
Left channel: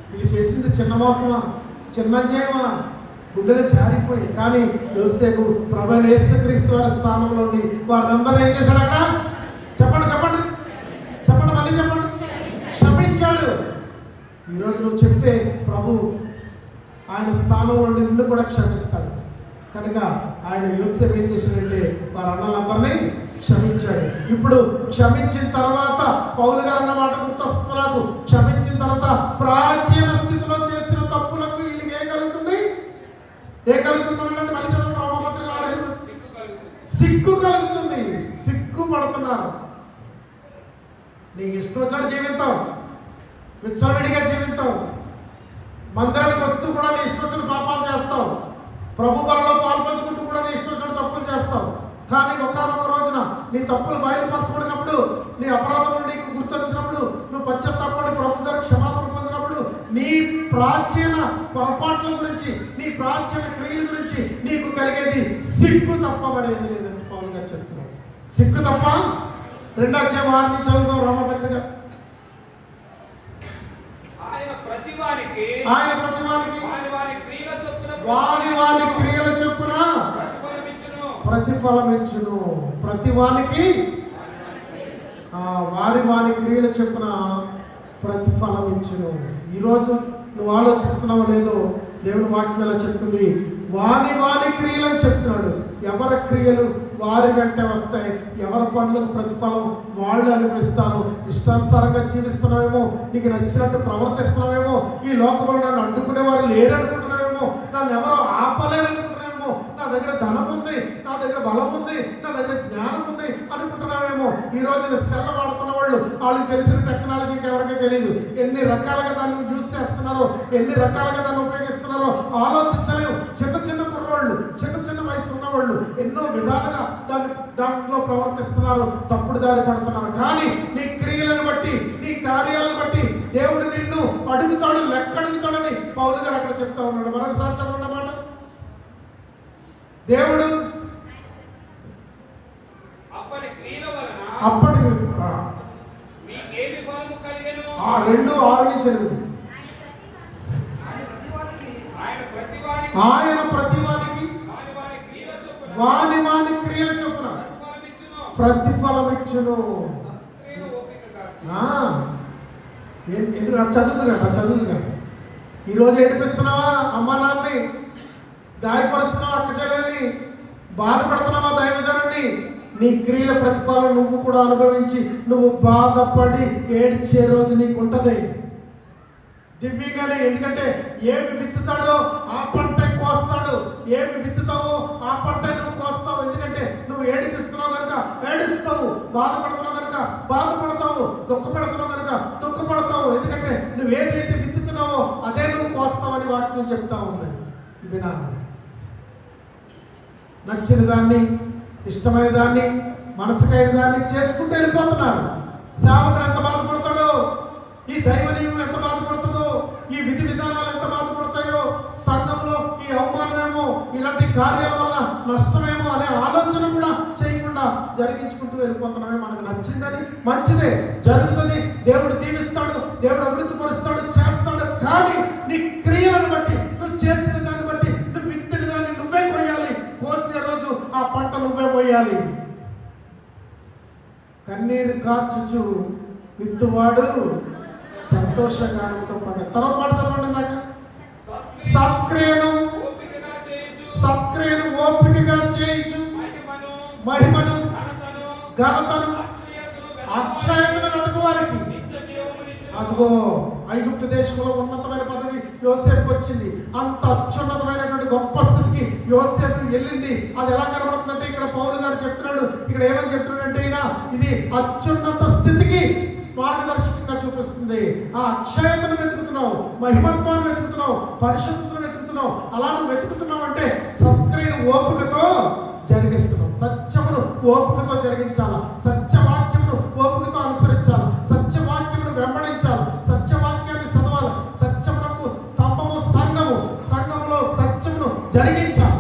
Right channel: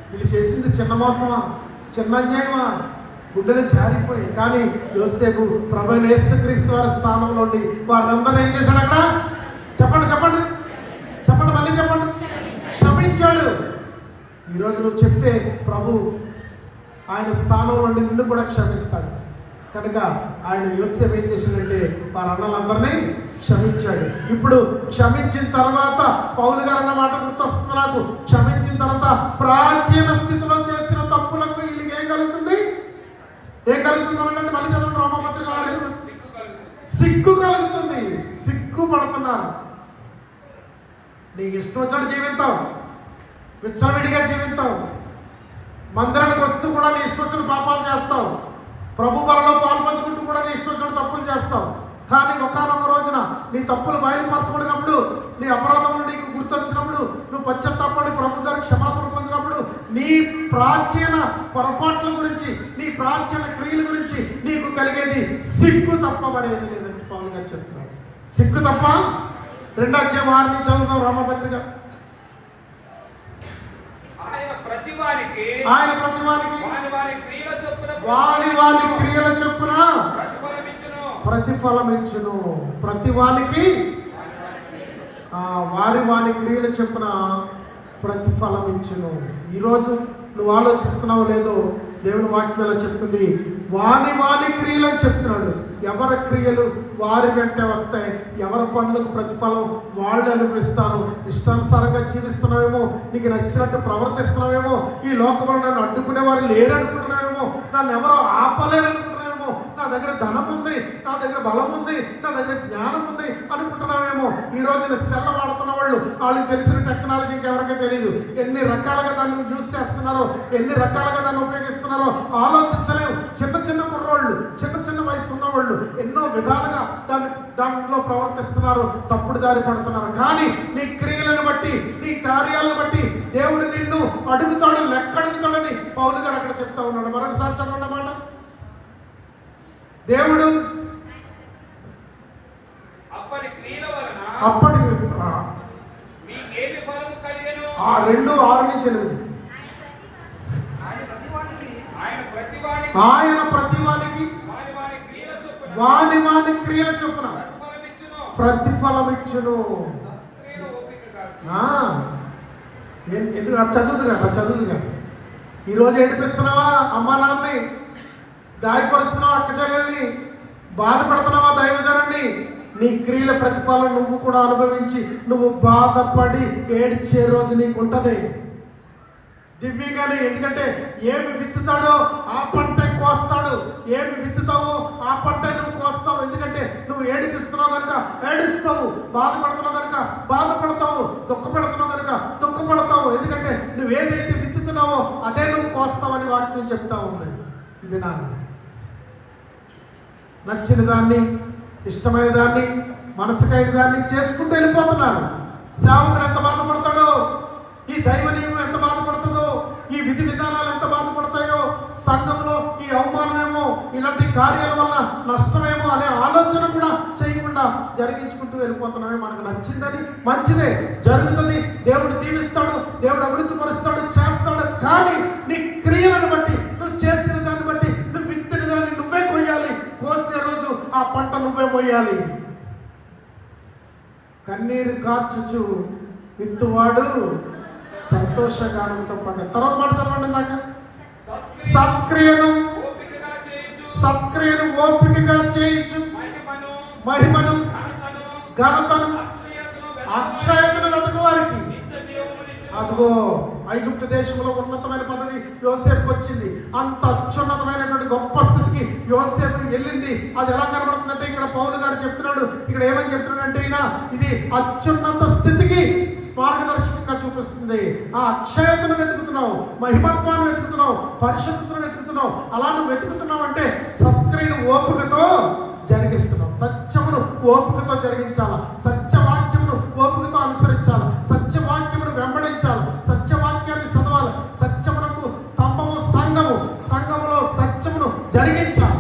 వీళ్ళు చేసింది చిన్న మోసమా, చిన్న అన్యాయమా? గుండెలు జారిపోయి. కానీ యోసేపు ప్రభువైన యేసుక్రీస్తు వారి స్థానంలో ఉండి వారందరూ ఏం చేశాడు? అక్కడ చెప్పండి, మళ్ళీ చెప్పండి. క్షమించాడు. ఈరోజు నువ్వు చెప్తే ప్రభు ఆయన స్థానంలో ఉండి నిన్ను కూడా క్షమిస్తాడు. కనుక ఆయన యోసేపు ఏం చేశాడంటే వారి అన్నలందరినీ క్షమించాడు. ఇప్పుడు క్షమించిన తర్వాత పౌలు గారు అన్న మాట గుర్తొస్తుంది నాకు. క్షమించిన తర్వాత ప్రాచీన స్థితిలో చేసిన తప్పులకు వీళ్ళకి ఏం కలుగుతుంది అంటే మళ్ళీ చదవండి. రోమపత్రిక సిగ్గు కలుగుతుంది, సిగ్గుపడుతున్నారు. నీకు ఇష్టం వచ్చినట్టు జీవితం, విచ్చలవిడిగా జీవితం, మందిరానికి వస్తూ కూడా నీ ఇష్టం వచ్చిన పాపాలు చేస్తావు, ప్రభు వరలో పాల్పంచుకుంటూ కూడా నీ ఇష్టం వచ్చిన తప్పులు చేస్తావు. కానీ ఒకనొక రోజున నీ తప్పులు బయలుపరచబడినప్పుడు, నీ అపరాధములు నీకు గుర్తొచ్చినప్పుడు, నువ్వు పశ్చాత్తాపడి ప్రభు దగ్గర క్షమాపణ పొందినప్పుడు, నీ ప్రాచీన పొరపాట్ల గురించి, నీ ప్రాచీన క్రియల గురించి నీకు కలిగేది సిగ్గు తప్పమనేది లేదని పౌలు గారు చెప్తున్నాడు. సిగ్గు తప్ప. 2వ అధ్యాయం 6 నుంచి చదువుతాం రామపత్రిక. ఆయన ప్రతివానికి వాని క్రియల చొప్పున ప్రతిఫలం ఇచ్చును. ప్రతివానికి వారి క్రియల చొప్పున ప్రతిఫలం ఇచ్చును. ఈరోజు నువ్వు ఆలోచిస్తున్నావు లేదో, దేవుని వాక్యంలో చెప్తుంది వాని క్రియలని చెప్తున్నాడు. ఎవరి క్రియలు వారి వెంట వస్తాయి, ఎవరి పనులకు ప్రతిఫలం వాళ్ళు అనుభవిస్తారు. ఇష్టానుసారంగా జీవిస్తున్నావేమో, నీకు నచ్చినట్టు ప్రవర్తిస్తున్నావేమో, ఈ లోకంలో నన్ను అడ్డుకునే వారు లేరనుకుంటున్నావేమో, నన్ను ఎవరో ఆపలేరనుకుంటున్నావేమో, నా దగ్గర ధనం ఉంది, నా దగ్గర బలం ఉంది, నా దగ్గర జ్ఞానం ఉంది అనుకుంటున్నావేమో. ఈ రోజు సెల్ వాడుతున్న వాళ్ళు, వాళ్ళకి తెలిసిన టెక్నాలజీ ఎవరికీ తెలియదు. ఎన్ని రకాలుగా దాన్ని యూజ్ చేస్తున్నారో, ఎన్ని రకాలుగా దాన్ని ఉపయోగిస్తున్నారో ఆలోచించలేము. చిన్న కుర్రోళ్ళు, చిన్న వయసు ఉన్నవాళ్ళు ఎన్నో విధాలుగా దాంట్లో ప్రవర్తిస్తున్నారు, తప్పుడు దారి పడుతున్నారు. కానీ నీ క్రియలను బట్టి, నీ కార్యాలను బట్టి దేవుడు నిన్ను అడుగుతాడు, లెక్క అడుగుతాడని పౌలు గారు అక్కడ చెప్తా ఉన్నాడు. మరొకసారి చదవండి మాట. దేవుడు అప్పటి 2:6-8 ఆయన ప్రతివానికి వాని క్రియల చొప్పున ప్రతిఫలం ఇచ్చును. ఎందుకు చదువుతున్నా ఈరోజు ఏడిపిస్తున్నావా అమ్మ నాన్నని, గాయపరుస్తున్నావా అక్క చెల్లెల్ని, బాధపడుతున్నావా దైవజనాన్ని, నీ క్రియల ప్రతిఫలం నువ్వు కూడా అనుభవించి నువ్వు బాధపడి ఏడ్చే రోజు నీకు ఉంటది దివ్యంగానే. ఎందుకంటే ఏమి విత్తుతాడో ఆ పంట కోస్తాడు, ఏమి విత్తుతావో ఆ పంట నువ్వు కోస్తావు. ఎందుకంటే నువ్వు ఏడిపిస్తున్నావు కనుక ఏడుస్తావు, బాధపడుతున్నావు కనుక బాధపడతావు, దుఃఖపడుతున్నావు కనుక దుఃఖపడతావు. ఎందుకంటే నువ్వు ఏదైతే విత్తుతున్నావో అదే నువ్వు కోస్తావని వాక్యం చెప్తా ఉంది. ఇది నా నచ్చిన దాన్ని, ఇష్టమైన దాన్ని, మనసుకైన దాన్ని చేసుకుంటూ వెళ్ళిపోతున్నారు. సేవకుడు ఎంత బాధపడతాడో, ఈ దైవ నియమం ఎంత బాధపడుతుందో, ఈ విధి విధానాలు ఎంత బాధపడతాయో, సంఘంలో ఈ అవమానమేమో, ఇలాంటి కార్యాల వల్ల నష్టమేమో అనే ఆలోచన కూడా చేయకుండా జరిగించుకుంటూ వెళ్ళిపోతున్నామే. మనకు నచ్చిందని మంచిదే జరుగుతుంది, దేవుడు దీవిస్తాడు, దేవుడు అభివృద్ధి పరుస్తాడు, చేస్తాడు. కానీ నీ క్రియలను బట్టి, నువ్వు చేసిన దాన్ని బట్టి, నువ్వు విత్తిన దాన్ని నువ్వే కొయ్యాలి. కోసే రోజు ఆ పంట నువ్వే కొయ్యాలి. కన్నీరు కార్చుచు విత్తువాడు సంతోషగానంతో పంట. తర్వాత మాట చదవండి. దాకా సత్క్రియను ఓపికగా చేయించు, మహిమను ఘనతను అక్షయతను వెతకు వారికి. అదిగో ఐగుప్తు దేశంలో ఉన్నతమైన పదవి యోసేపుకి వచ్చింది. అంత అత్యున్నతమైనటువంటి గొప్ప స్థితికి యోసేపు వెళ్ళింది. అది ఎలా కనబడుతుందంటే ఇక్కడ పౌలు గారు చెప్తున్నాడు. ఇక్కడ ఏమని చెప్తున్నాడంటే ఈయన ఇది అత్యున్నత స్థితికి మార్గదర్శకంగా చూపిస్తుంది. ఆ అక్షయతను వెతుకుతున్నావు, మహిమత్వాన్ని వెతుకుతున్నావు, పరిశుద్ధతను వెతుకుతున్నావు. అలా నువ్వు వెతుకుతున్నావు అంటే సత్క్రియను ఓపికతో జరిగిస్తున్నావు. సత్యమును ఓపికతో జరిగించాలా, సత్యవాక్యమును ఓపికతో అనుసరించాలి, సత్యవాక్యమును వెంబడించాలి, సత్యవాక్యాన్ని చదవాలి. సత్యమునకు స్తంభము సంఘము, సంఘములో సత్యమును జరిగించాలి.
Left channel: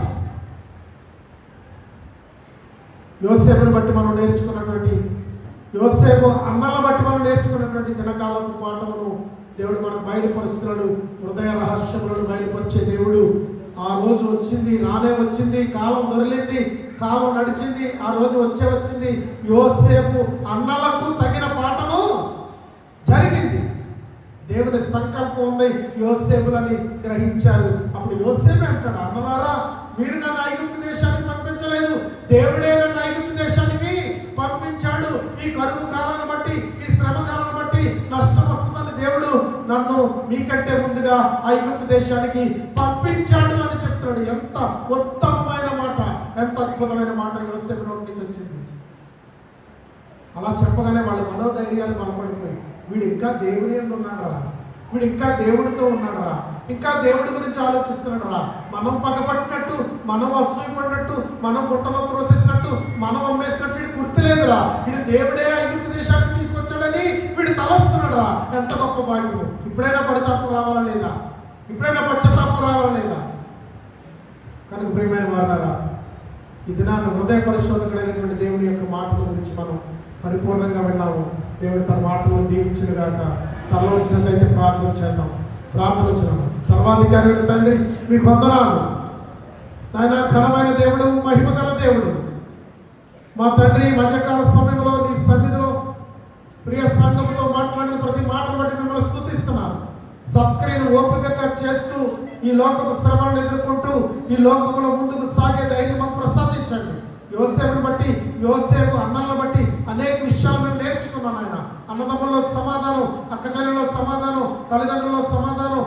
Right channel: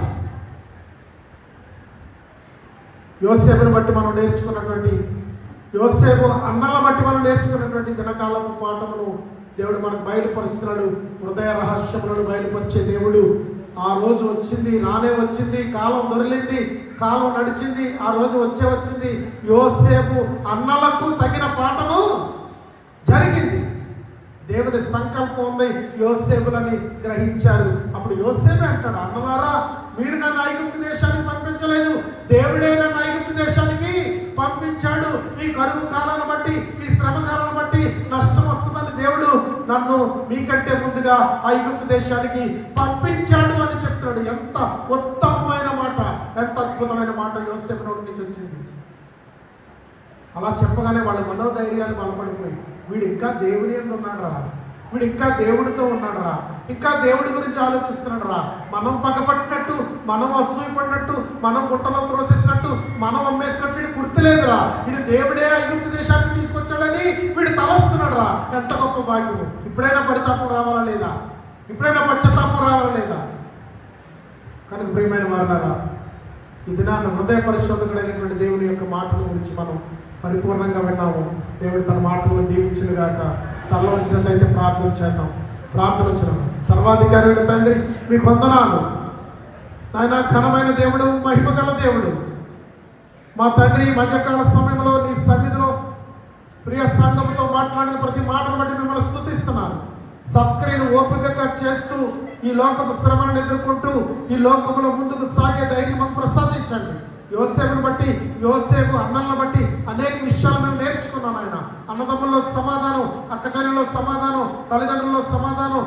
యోసేపును బట్టి మనం నేర్చుకున్నటువంటి, యోసేపు అన్నల బట్టి మనం నేర్చుకున్నటువంటి దినకాలపు పాఠమును దేవుడు మనకు బయలుపరుస్తున్నాడు. హృదయ రహస్యములను బయలుపరిచే దేవుడు. ఆ రోజు వచ్చింది, రానే వచ్చింది, కాలం దొరికింది, కాలం నడిచింది, ఆ రోజు వచ్చింది. యోసేపు అన్నలకు తగిన పాఠము జరిగింది. దేవుని సంకల్పం ఉంది, యోసేపులని గ్రహించారు. అప్పుడు యోసేపు అంటాడు, అన్నలారా మీరు నన్ను ఐగుప్తు దేశానికి పంపించలేదు, దేవుడే నన్ను ఐగుప్తు దేశానికి పంపించాడు. ఈ కరువు కాలాన్ని బట్టి, ఈ శ్రమ కాలాన్ని బట్టి నష్టం వస్తుందని దేవుడు నన్ను మీకంటే ముందుగా ఐగుప్తు దేశానికి పంపించాడు అని చెప్తాడు. ఎంత ఉత్తమమైన మాట, ఎంత అద్భుతమైన మాట యోసేపు నోటి నుంచి వచ్చింది. అలా చెప్పగానే వాళ్ళ మనోధైర్యాలు బలపడిపోయి, వీడు ఇంకా దేవుని యందు ఉన్నాడు రా, వీడు ఇంకా దేవుడితో ఉన్నాడు రా, ఇంకా దేవుడి గురించి ఆలోచిస్తున్నాడు రా. మనం పగపట్టినట్టు, మనం అసూయపడినట్టు, మనం గుట్టలో త్రోసేసినట్టు, మనం అమ్మేసినట్టు వీడు గుర్తులేదురా. వీడు దేవుడే ఐగుప్తు దేశానికి తీసుకొచ్చాడని వీడు తలస్తున్నాడు రా. ఎంత గొప్ప భాగ్యం! ఇప్పుడైనా పరితాపం రావాలా లేదా? ఇప్పుడైనా పశ్చాత్తాపం రావాలా లేదా? కానీ ప్రియమైన వారలారా, ఈ దినాన్ని హృదయ పరిశోధకుడైనటువంటి దేవుని యొక్క మాటల గురించి మనం పరిపూర్ణంగా విన్నాము. దేవుడు తన మాటలను దీవించిన గాక. తల వచ్చినట్లయితే ప్రార్థన చేద్దాం. ప్రార్థన వచ్చిన సర్వాధికారి తండ్రి, మీకు వందనాలు నాయన. ఘనమైన దేవుడు, మహిమగల దేవుడు, మా తండ్రి, మధ్యకాల సమయంలో నీ సన్నిధిలో ప్రియ సంఘంతో మాట్లాడిన ప్రతి మాటను బట్టి మిమ్మల్ని స్తుతిస్తున్నాను. సత్క్రియను ఓపికగా చేస్తూ ఈ లోకపు శ్రమను ఎదుర్కొంటూ ఈ లోకంలో ముందుకు సాగే ధైర్యం ప్రసాదించండి. యోసేపుని బట్టి, యోసేపు అన్నలను బట్టి అనేక విషయాలు మేము నేర్చుకున్నాం ఆయన. అన్నదమ్ముల్లో సమాధానం, అక్కచెల్లెల్లో సమాధానం, తల్లిదండ్రుల్లో సమాధానం,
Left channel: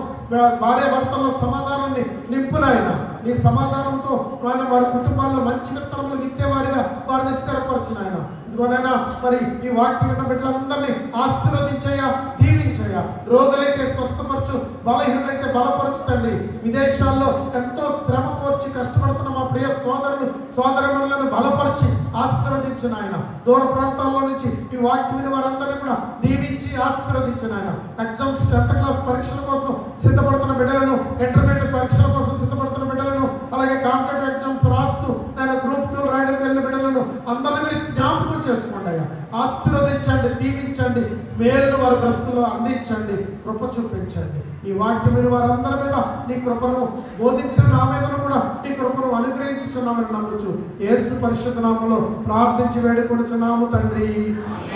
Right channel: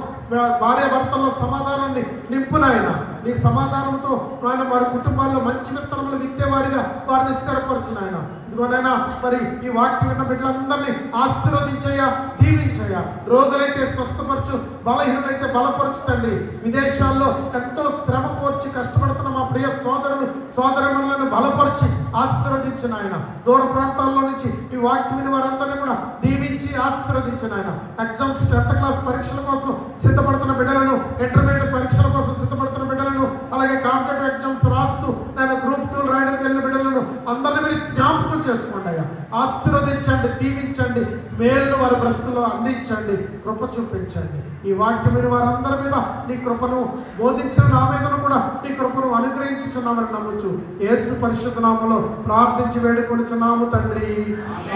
భార్య భర్తల్లో సమాధానాన్ని నింపునాయన. నీ సమాధానంతో ఆయన వారి కుటుంబాల్లో మంచి విత్తనములు విత్తేవారిగా వారిని స్థిరపరచునాయన. ఇదిగోనైనా మరి ఈ వాక్యం విన్న బిడ్డలందరినీ ఆశీర్వదించయ్యా, దీవించయ్యా. రోగులైతే స్వస్థపరచు, బలహీనులైతే బలపరచు తండ్రి. విదేశాల్లో ఎంతో శ్రమ కోర్చి కష్టపడుతున్న మా ప్రియ సోదరులు సోదరులను బలపరిచి ఆశీర్వదించిన ఆయన. దూర ప్రాంతాల్లో నుంచి ఈ వాక్యం విని వారందరినీ కూడా దీవించి ఆశీర్వదించిన ఆయన. ఎగ్జామ్స్ 10th క్లాస్ పరీక్షల కోసం సిద్ధపడుతున్న బిడ్డలను, ఇంటర్మీడియట్ పరీక్షల కోసం సిద్ధపడుతున్న బిడ్డలను, అలాగే కాంపిటేటివ్ ఎగ్జామ్స్ రాస్తూ నేను గ్రూప్ 2 రాయడానికి వెళ్ళిన బిడ్డలను అందరినీ జ్ఞాపకం చేసుకోండి అయ్యా. ఆశీర్వదించండి, దీవించండి, మేలును వారి బ్రతుకుల్లో అందించండి, కృప చూపించండి. ఈ వాక్యం విని వారందరి మీద నీ కృపను, బోధించిన నా మీదను కూడా నీ కృపను అనుగ్రహించుచున్నామని నమ్మొచ్చు. యేసు పరిశుద్ధ నామములో ప్రార్థించి వేడుకొనుచున్నాము తండ్రి.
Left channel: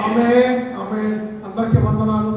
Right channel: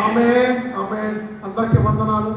ఆమేన్, ఆమేన్. అందరికీ వందనాలు.